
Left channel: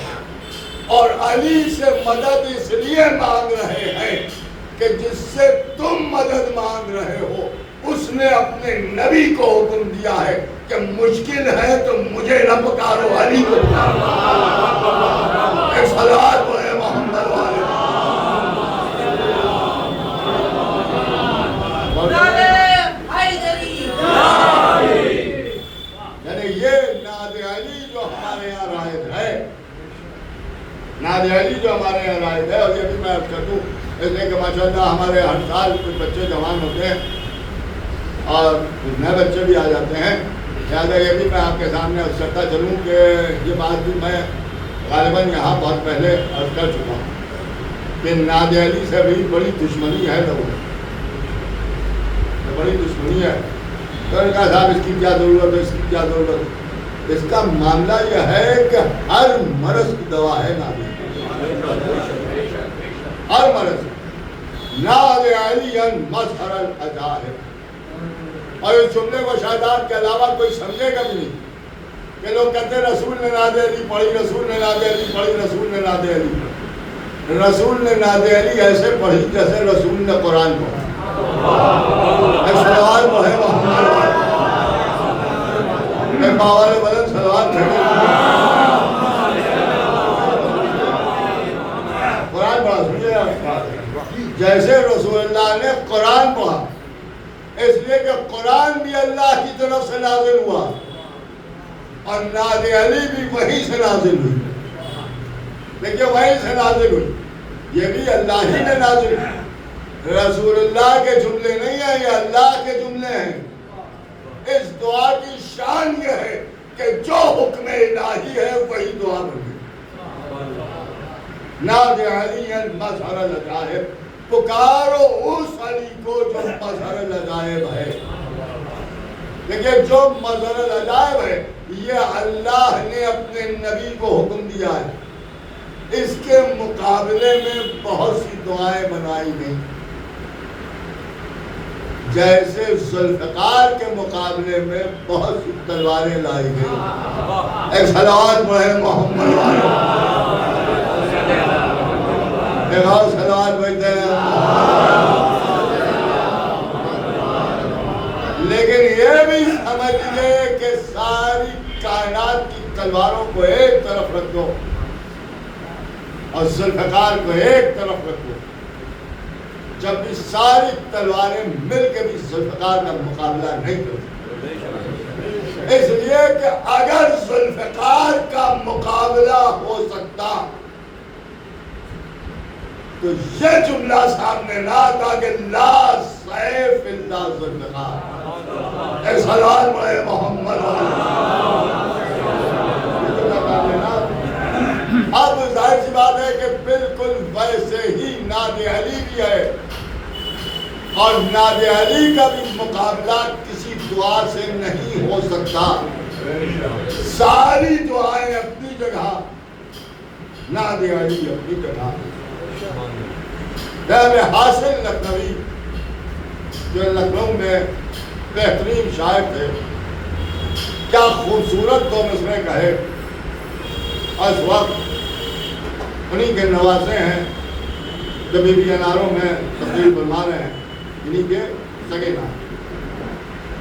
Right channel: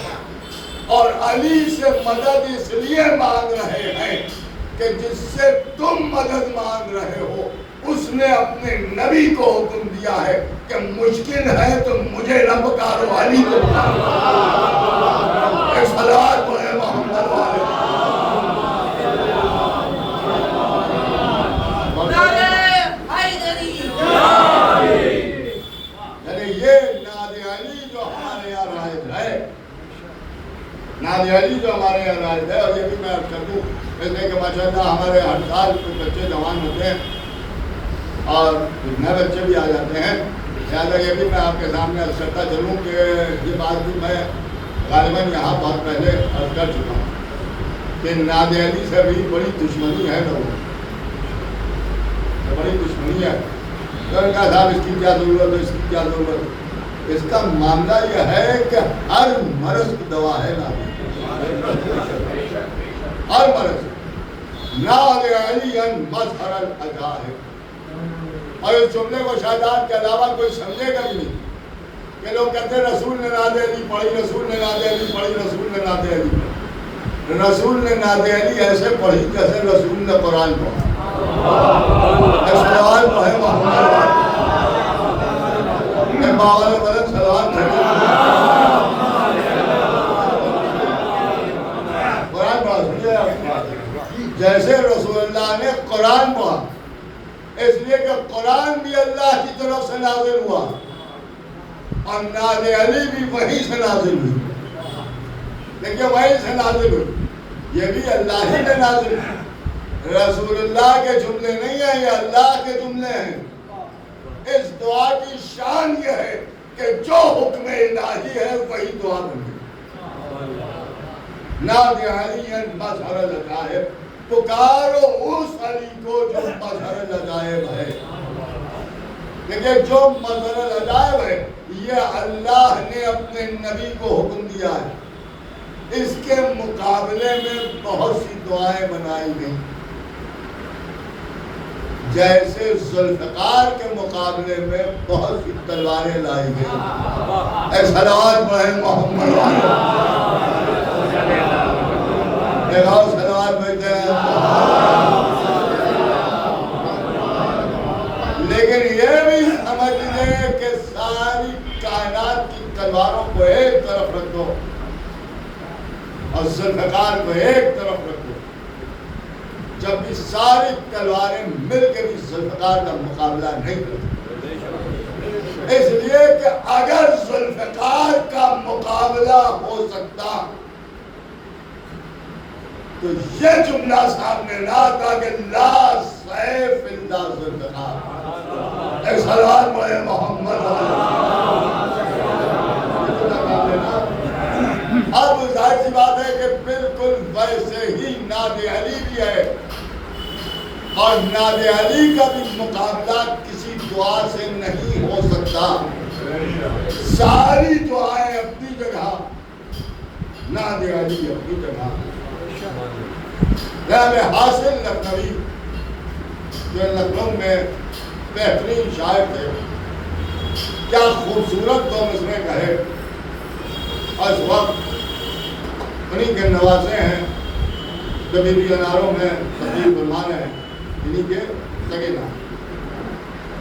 اور علی سے مدد اس لیے مانگ رہے ہیں کہ جس سے تم مدد مانگ رہے ہو اس نے اپنے نبی کو حکم دیا ہے کہ مشکل ہے تو مجھے نہ پکارو, علی کو پکارو. ایک صلوات پڑھے محمد والے. ناد علی جو ہمارے یہاں رائد ہے, اور یہ بھی میں عرض کر دوں اس لیے کہ ماشاءاللہ ہمارے ہر سال کچھ بچے جوان ہوتے ہیں اور نئے بچے بھی آ جاتے ہیں. لہٰذا یہ بھی میں آپ کے سامنے عرض کرتا چلوں کہ یہ بات بھی میں غالباً یہاں بہت پہلے عرض کر چکا ہوں کہ ناد علی سے بھی بڑی دشمنی ہے لوگوں کی, بڑی دشمنی ہے. تو ان کا صاحب اس کی کیا ضرورت ہے, اس کی کیا ضرورت ہے. اس کا معاملہ یہ ہے کہ ہر مرض کی دوا ہے ناد علی. ہر مرض ناد علی مظہر العجا ہے. اور اس جملے کو شہادات کے علاوہ کوئی سمجھے گا بھی نہیں کہ لوگ کہتے ہیں رسول نے ناد علی پڑھی, رسول نے ناد علی پڑھی, رسول نے ناد علی پڑھی. رسول نے ناد علی ایسے پڑھی جیسے رسول نے قرآن پڑھا. سوال پڑھے محمد باوال بلند سلوات پڑھے. قرآن پڑھا سمجھے جیسے رسول اللہ نے قرآن پڑھا, اس لیے کہ قرآن بھی اللہ کی طرف سے نازل ہوا اور ناد علی بھی وہی سے نازل ہوئی. لیکن وہی سے نازل ہوئی, یہ بھی اللہ ہی نے نازل ہوئی. رسول اللہ کے جملے نہیں ہیں, یہ اللہ کے جملے ہیں. اس دعا کی شان یہ ہے کہ جو حکم الہی ہے وہی دعا بنی. ناد علی مظہر العجائب, پکارو اس علی کو جو مظہر العجائب ہے. لیکن جو مظہر العجائب ہے یہ اللہ نے اپنے نبی کو حکم دیا ہے، اس کے مقابلے میں بہت سی دعائیں بنائی گئیں، جیسے ذوالفقار کے مقابلے میں بہت سی تلواریں لائی گئی۔ ایک صلوات پڑھے محمد ایک اور صلوات پڑھتے ہیں۔ لیکن یہ بھی سمجھ لے کہ ساری کائنات کی تلواروں کو ایک طرف رکھ دو اور ذوالفقار کو ایک طرف رکھ دو، جب بھی ساری تلواریں مل کے بھی ذوالفقار کا مقابلہ نہیں کرتی، اس لیے کہ اگر ذوالفقار کا مقابلہ ہو سکتا تو یہ جملہ سامنے نہ آتا کہ لا سیف الا ذوالفقار۔ ایک صلوات پڑھے محمد۔ اب ظاہر سی بات ہے کہ بالکل ویسے ہی ناد علی بھی ہے، اور ناد علی کا بھی مقابلہ کسی دعا سے نہیں ہو سکتا۔ ساری دعائیں اپنی جگہ، ناد علی اپنی جگہ۔ جناب حاصل لکھنوی جو لکھنؤ میں بہترین شاعر تھے، کیا خوبصورت دو مصرعے کہے، اس وقت انہیں کے نوازے ہیں جو بی بی اناروں میں تقریر بنوا رہے ہیں، انہیں کے سگے نام۔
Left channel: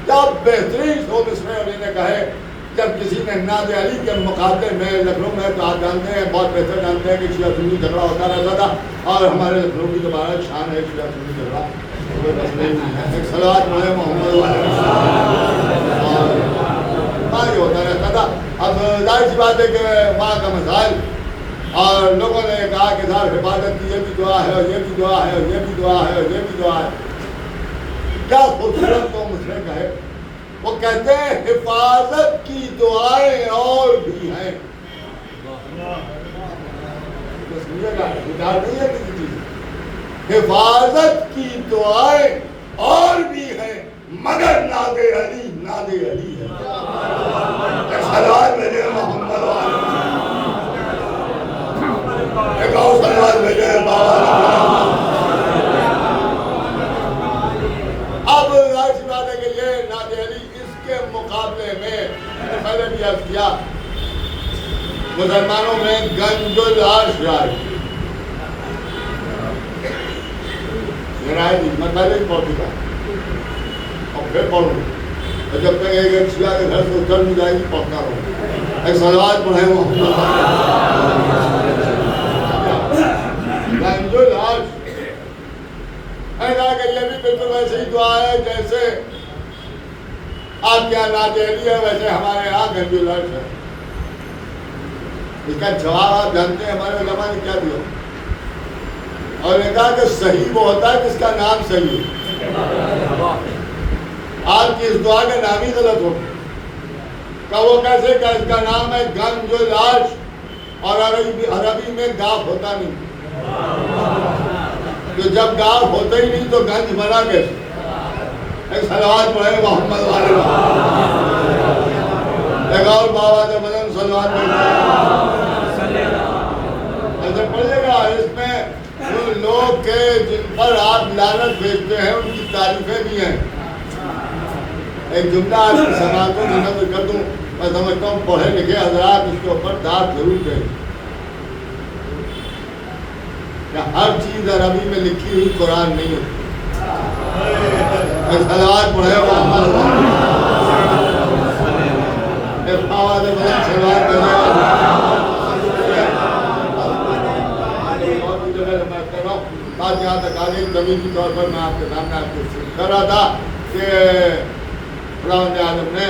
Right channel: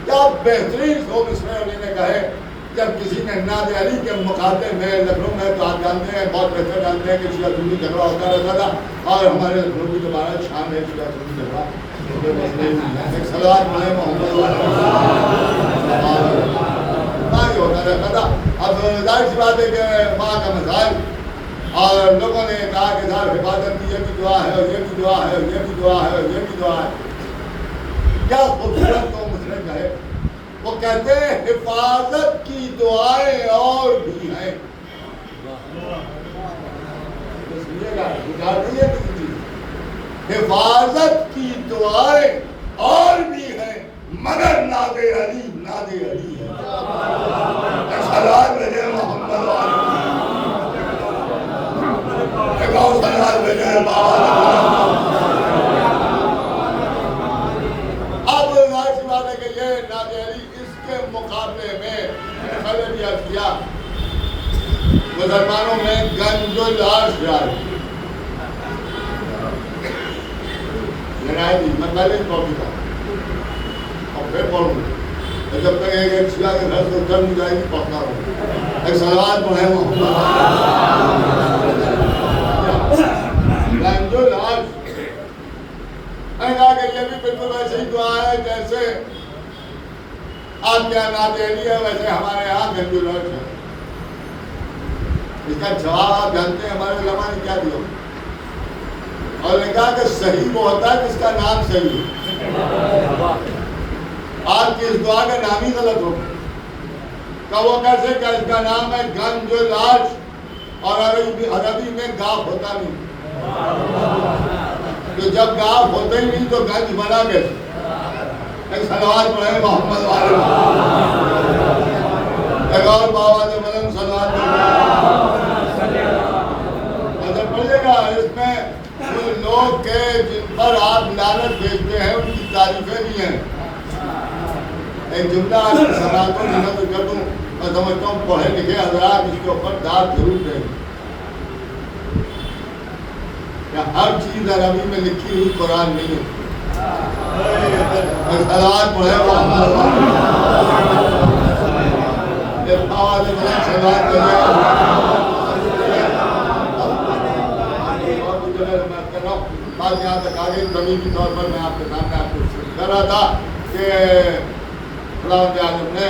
کیا بہترین دو مصرعے انہیں نے کہے، جب کسی نے ناد علی کے مقابلے میں لکھنؤ میں تو آپ جانتے ہیں، بہت بہتر جانتے ہیں کہ شیعہ سنی جھگڑا ہوتا رہتا تھا، اور ہمارے لکھنؤ کی دوبارہ شان ہے شیعہ سنی جھگڑا، کوئی مسئلہ ہی نہیں ہے۔ ایک صلوات پڑھے محمد یہ ہوتا رہتا تھا۔ اب ظاہر سی بات ہے کہ وہاں کا مسائل، اور لوگوں نے کہا کہ صاحب حفاظت کی یہ بھی دعا ہے اور یہ بھی دعا ہے اور یہ بھی دعا ہے اور یہ بھی دعا ہے۔ کیا خوبصورت دو مصرعے کہے، وہ کہتے ہیں حفاظت کی دعائیں اور بھی ہیں۔ حفاظت کی دعائیں اور بھی ہیں، مگر ناد علی ناد علی ہے۔ صلوات بھیجے محمد ایک اور صلوات بھیجے اب ظاہر سی بات ہے کہ یہ ناد علی، اس کے مقابلے میں میں نے بھی عرض کیا مسلمانوں میں گنج العرش ہے۔ میں پہلے ہی پڑھ چکا اور پھر پڑھوں گا، جب تک ایک شیعہ کے گھر سے اتر نہیں جائے گی پڑھتا رہوں۔ ایک صلوات پڑھے محمد۔ گنج العرش میں نے کہا کہ یہ بھی بالکل ویسے ہی دعا ہے جیسے آپ کے یہاں ناد علی ہے، ویسے ہمارے یہاں گنج العرش ہے۔ اس کا جواب آپ جانتے ہیں ہمارے علماء نے کیا دیا، اور نے کہا کہ صحیح وہ ہوتا ہے جس کا نام صحیح ہے۔ آپ کی اس دعا کا نام ہی غلط ہو کہ وہ کیسے کہ اس کا نام ہے گنج العرش، اور عربی میں گاف ہوتا نہیں، تو جب گاف ہوتا ہی نہیں تو گنج بنا کیسے؟ ایک صلوات پڑھے محمد والے ایک اور بابا نے مدن صلوات ایسے پڑھیے گا۔ اس میں ان لوگ کے جن پر آپ لعنت بھیجتے ہیں ان کی تعریفیں بھی ہیں۔ ایک جملہ آپ کی سماعتوں میں نقل کر دوں، میں سمجھتا ہوں پڑھے لکھے حضرات اس کے اوپر داد ضرور دیں کہ ہر چیز عربی میں لکھی ہوئی قرآن نہیں ہے۔ صلوات پڑھے بات یہاں تک آگے زمینی طور پر میں آپ کے سامنے آپ کو کر رہا تھا کہ خداوند عالم نے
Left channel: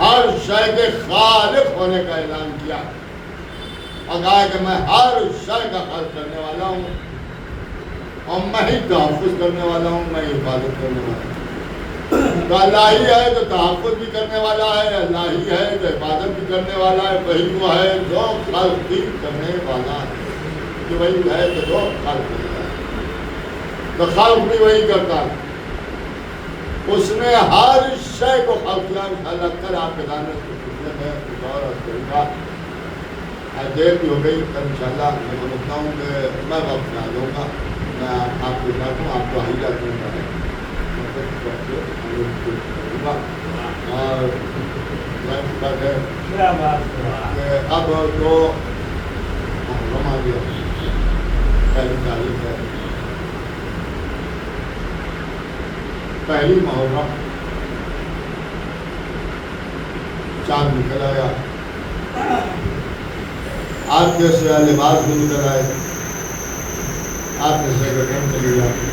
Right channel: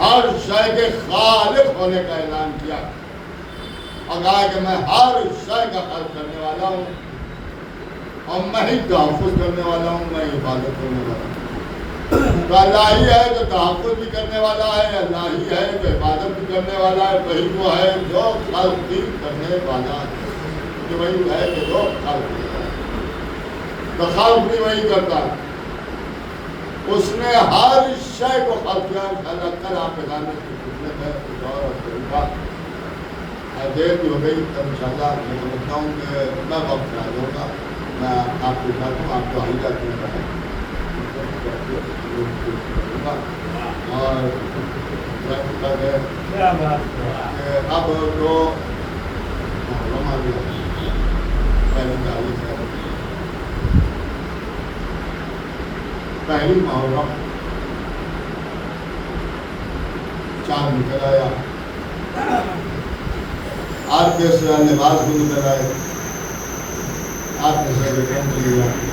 ہر شے کے خالق ہونے کا اعلان کیا اور کہا کہ میں ہر شے کا خلق کرنے والا ہوں اور میں ہی تحفظ کرنے والا ہوں، میں حفاظت کرنے والا ہوں۔ تو اللہ ہی ہے جو تحفظ بھی کرنے والا ہے، اللہ ہی ہے جو حفاظت بھی کرنے والا ہے، وہی وہ ہے جو خلق بھی کرنے والا ہے، کہ وہی ہے جو خلق بھی کرتا ہے، تو خلق بھی وہی کرتا ہے۔ اس نے ہر شے کو خلقیاں انشاءاللہ کل آپ کے دانے کی خصوصیت ہے کچھ اور طریقہ دیر بھی ہو گئی تو انشاءاللہ میں سمجھتا ہوں کہ میں وقت سے آ جاؤں گا میں آپ کے ساتھ ہوں آپ کو آئی جاتی ہوں اور اب تو ہماری پہلی تاریخ ہے پہلی محرم چاند نکل آیا آج جیسے لباس بھی نکل آئے آج جیسے ویکینڈ چلی جاتی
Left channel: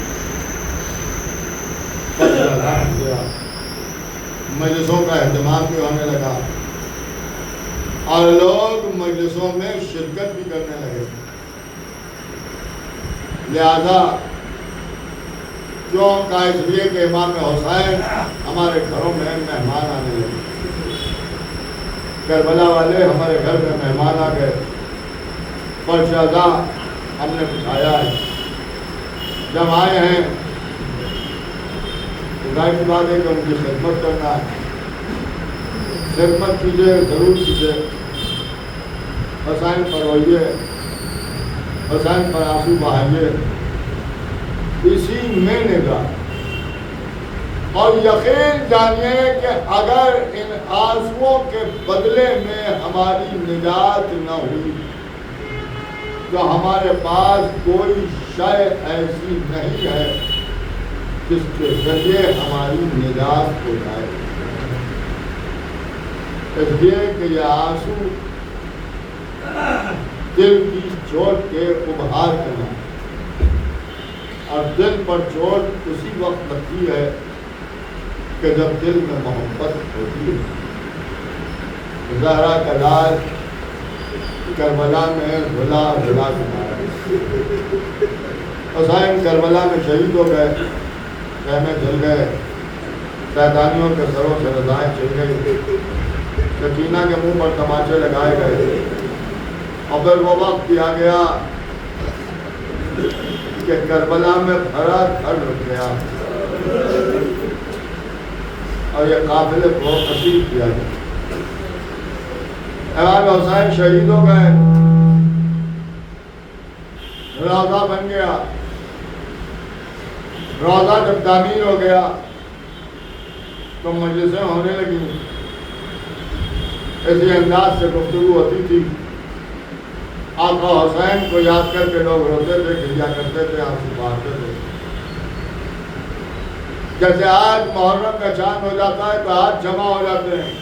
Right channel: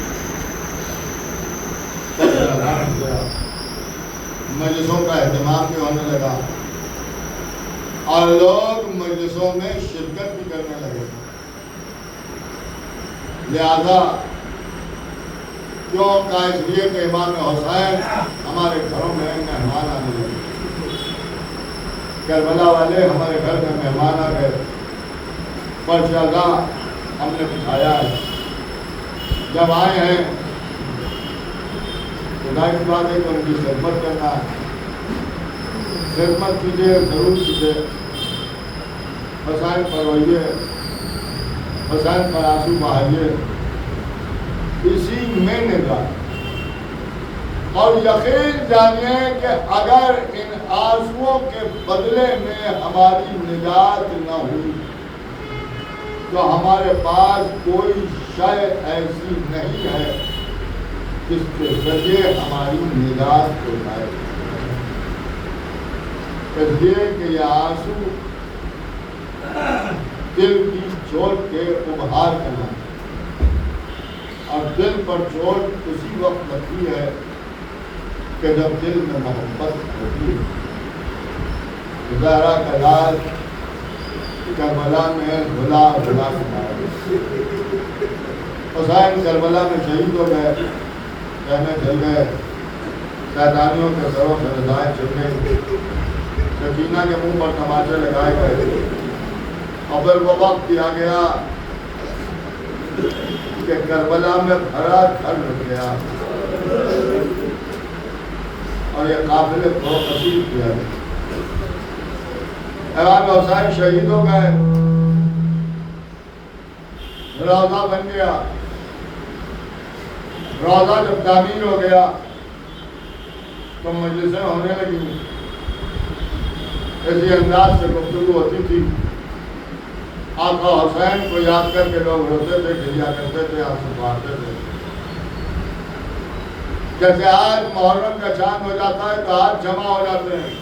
مجلسوں کا اہتمام بھی ہونے لگا اور لوگ مجلسوں میں شرکت بھی کرنے لگے لہذا کیوں کا اس لیے کہ امام حسین ہمارے گھروں میں مہمان آنے لگے کربلا والے ہمارے گھر میں مہمان آ گئے فرشادہ ہم نے بٹھایا ہے جب آئے ہیں خدائی خدا دے تو ان کی خدمت کرنا ہے خدمت کیجیے ضرور کیجیے حسین پر ہوئیے حسین پر آنسو بہائیے اسی میں نگاہ اور یقین جانیے کہ اگر ان آنسوؤں کے بدلے میں ہماری نجات نہ ہوئی تو ہمارے پاس کوئی شے ایسی نہیں ہے جس کے ذریعے ہماری نجات ہو جائے اس لیے کہ یہ آنسو دل کی چوٹ کے ابھار کرنا اور دل پر چوٹ اسی وقت لگتی ہے کہ جب دل میں محبت ہوتی ہے زہرا کا لاج کربلا میں دھلا دھلا کے حسین کربلا میں شہید ہو گئے خیمے جل گئے شیطانیوں کے سروں سے رضائیں چل گئی یقینا کے منہ پر تماچے لگائے گئے اور پھر وہ وقت دیا گیا کہ کربلا میں بھرا گھر لگ گیا اور یہ قافلے کو قصید کیا گیا امام حسین شہید ہو گئے روضہ بن گیا روضہ جب تعمیر ہو گیا تو مجلسیں ہونے لگی اسی انداز سے گفتگو ہوتی تھی آقا حسین کو یاد کر کے لوگ روتے تھے کھلیا کرتے تھے آپ سے باتیں تھے جیسے آج محرم کا چاند ہو جاتا ہے تو آج جمع ہو جاتے ہیں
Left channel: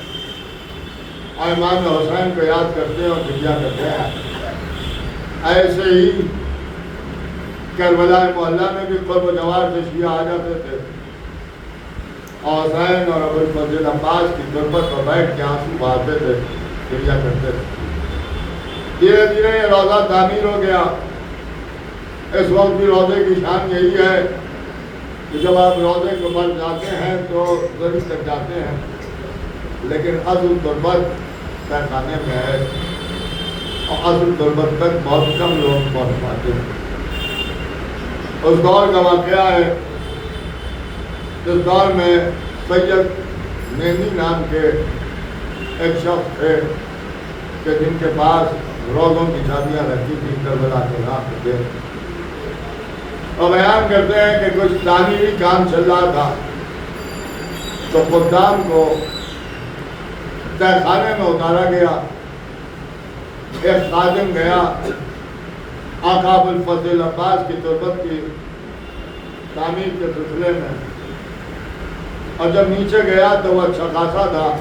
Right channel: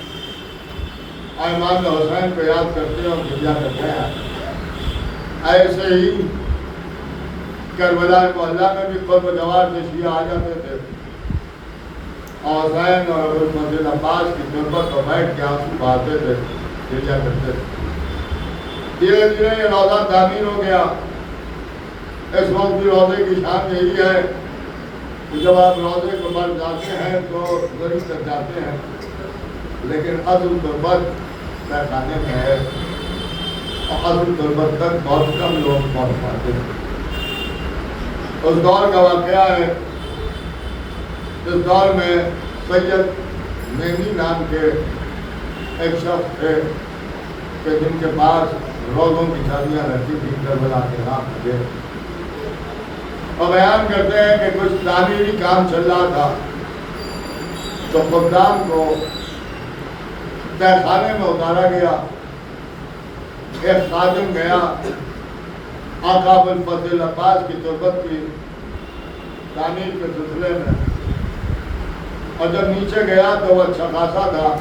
اور امام حسین کو یاد کرتے ہیں اور کھلیا کرتے ہیں ایسے ہی کربلا محلہ میں بھی قرب جوار سے شیعہ آ جاتے تھے اور حسین اور ابوالفضل عباس کی غربت پر بیٹھ کے آنسو بہاتے تھے کھلیا کرتے تھے دھیرے دھیرے یہ روضہ تعمیر ہو گیا اس وقت بھی روضے کی شان یہی ہے کہ جب آپ روضے کو بن جاتے ہیں تو ضرور تک جاتے ہیں لیکن عزم غربت کا کھانے میں ہے اور عزم غربت تک بہت کم لوگ پہنچ پاتے ہیں اس دور کا واقعہ ہے اس دور میں سید نعمی نام کے ایک شخص تھے کہ جن کے پاس روزوں کی شادیاں رکھتی تھی کربلا کے نام پہ اور بیان کرتے ہیں کہ کچھ تعمیری کام چل رہا تھا تو خدام کو تہ خانے میں اتارا گیا ایک خادم گیا آقا ابوالفضل عباس کی تربت کی تعمیر کے سلسلے میں اور جب نیچے گیا تو وہ اچھا خاصا تھا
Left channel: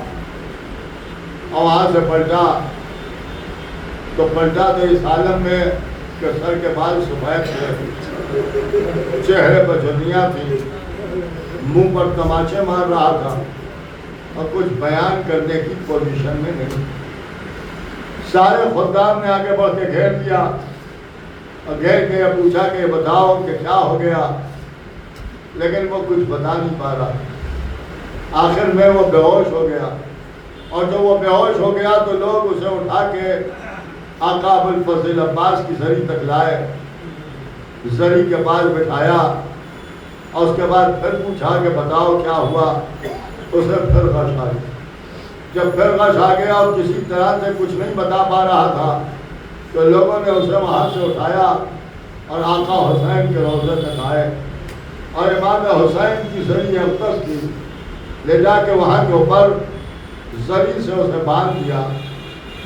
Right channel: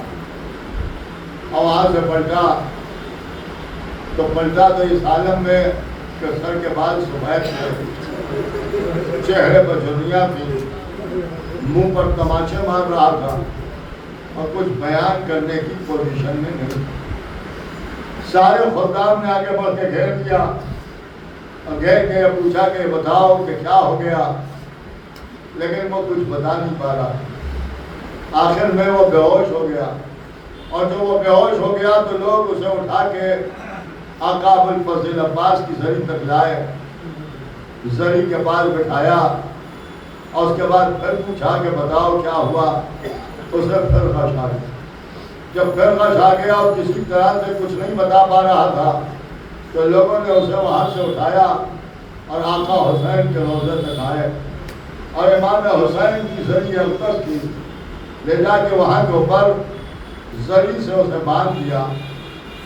اور وہاں سے پلٹا تو پلٹا تھے اس عالم میں کہ سر کے بال سفید تھے چہرے پر جھریاں تھی منہ پر تماچے مار رہا تھا اور کچھ بیان کرنے کی پوزیشن میں نہیں سارے خدام نے آگے بڑھ کے گھیر لیا اور گھیر کے پوچھا کہ بتاؤ کہ کیا ہو گیا لیکن وہ کچھ بتا نہیں پا رہا آخر میں وہ بے ہوش ہو گیا اور جب وہ بے ہوش ہو گیا تو لوگ اسے اٹھا کے آقا ابوالفضل عباس کی زری تک لائے زری کے پاس بٹھایا اور اس کے بعد پھر پوچھا کہ بتاؤ کیا ہوا اسے پھر غش آ گیا۔ جب پھر غش آ گیا اور کسی طرح سے کچھ نہیں بتا پا رہا تھا تو لوگوں نے اسے وہاں سے اٹھایا اور آقا حسین کے روضے تک آئے اور امام حسین کی زری اقدس تھی، لے جا کے وہاں کے اوپر زری سے اسے باندھ دیا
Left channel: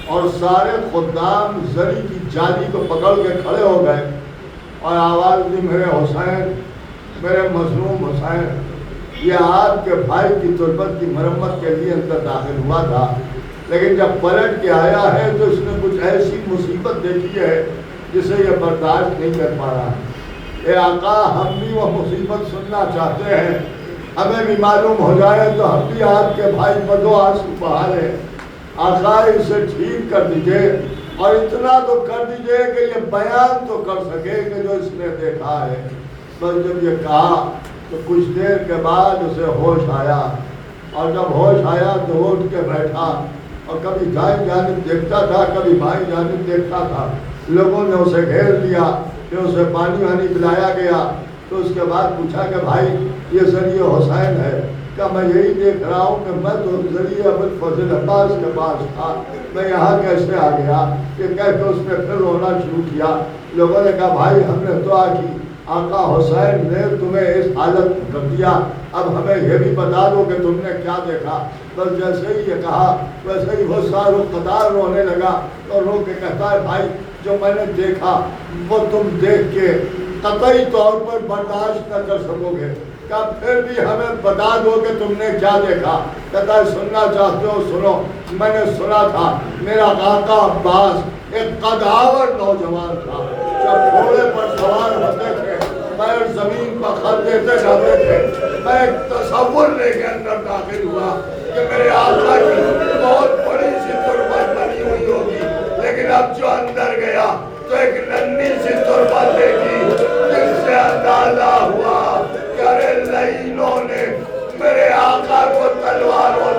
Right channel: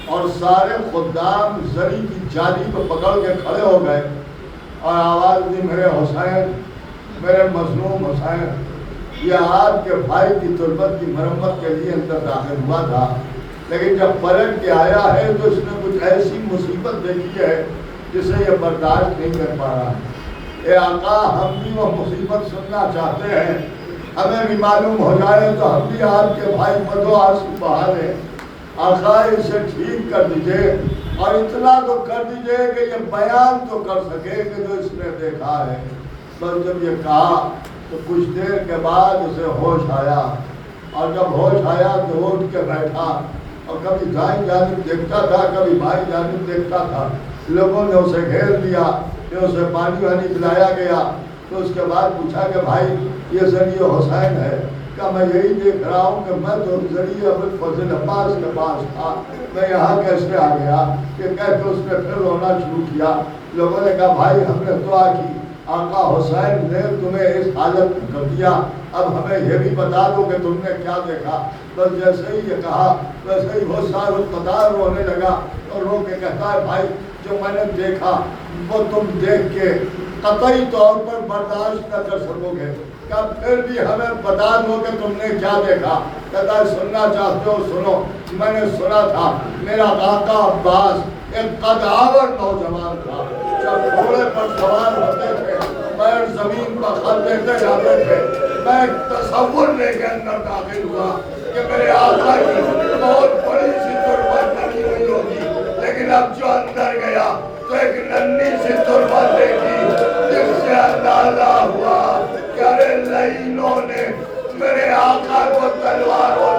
اور سارے خدام زری کی جالی کو پکڑ کے کھڑے ہو گئے اور آواز دی، میرے حسین، میرے مظلوم حسین، یہ آپ کے بھائی کی تربت کی مرمت کے لیے اندر داخل ہوا تھا، لیکن جب پلٹ کے آیا ہے تو اس نے کچھ ایسی مصیبت دیکھی ہے جسے یہ برداشت نہیں کر پا رہا۔ اے آقا، ہم بھی وہ مصیبت سننا چاہتے ہیں، ہمیں بھی معلوم ہو جائے تو ہم بھی آپ کے بھائی بدو آنسو بہا لیں۔ آقا اسے ٹھیک کر دیجئے اور اتنا تو کر دیجئے کہ یہ بیان تو کر سکے کہ جو اس نے دیکھا ہے۔ بس جب یہ کہا تو کچھ دیر کے بعد اسے ہوش آیا اور جب ہوش آیا تو اٹھ کے بیٹھا اور کبھی دائیں جانب دیکھتا تھا، کبھی بائیں جانب دیکھتا تھا۔ لوگوں نے اسے گھیر دیا، پھر اسے پانی وانی پلایا گیا، تو اس کے بعد پوچھا کہ بھائی یہ ذریعہ حسین ہے؟ کہا میں یہی دیکھ رہا ہوں کہ میں تو ذریعہ ابوالفضل عباس کے پاس تھا، میں یہاں کیسے آ گیا؟ کہ کہہ کے اس نے پھر رونا شروع کیا۔ لوگوں نے کہا بھائی ہم نے دعا کی، آقا حسین نے تمہیں اس حالت میں کر دیا، اب ہمیں یہ بھی بتا دو کہ تم نے کیا دیکھا۔ بس جیسے ہی یہ کہا ویسے ہی وہ سار قطار رونے لگا اور رو کے کہتا ہے بھائی جو میں نے دیکھا وہ تم دیکھ کے قطعی طور پر برداشت نہ کر سکو گے، کیا پھر بھی ہمیں بتا دو کہ تم نے کیا دیکھا؟ کہتا ہے سننا چاہتے ہو سنو، میں نے سنا تھا میرا آقا عباس ایک قدآور نوجوان تھا، جب گھوڑے پر سوار ہوتے تھے پیر زمین پر خط دیتے جاتے تھے، میں ایک تصور لے کے اندر داخل ہوا کہ میرے آقا کی بہت بڑی سی تربت بنی ہوئی ہوگی، لیکن اب جو اندر گیا تو ایک ننھی سی تربت دیکھی جس سے اندازہ ہوا کہ ارے لعینوں نے میرے آقا کو تلواروں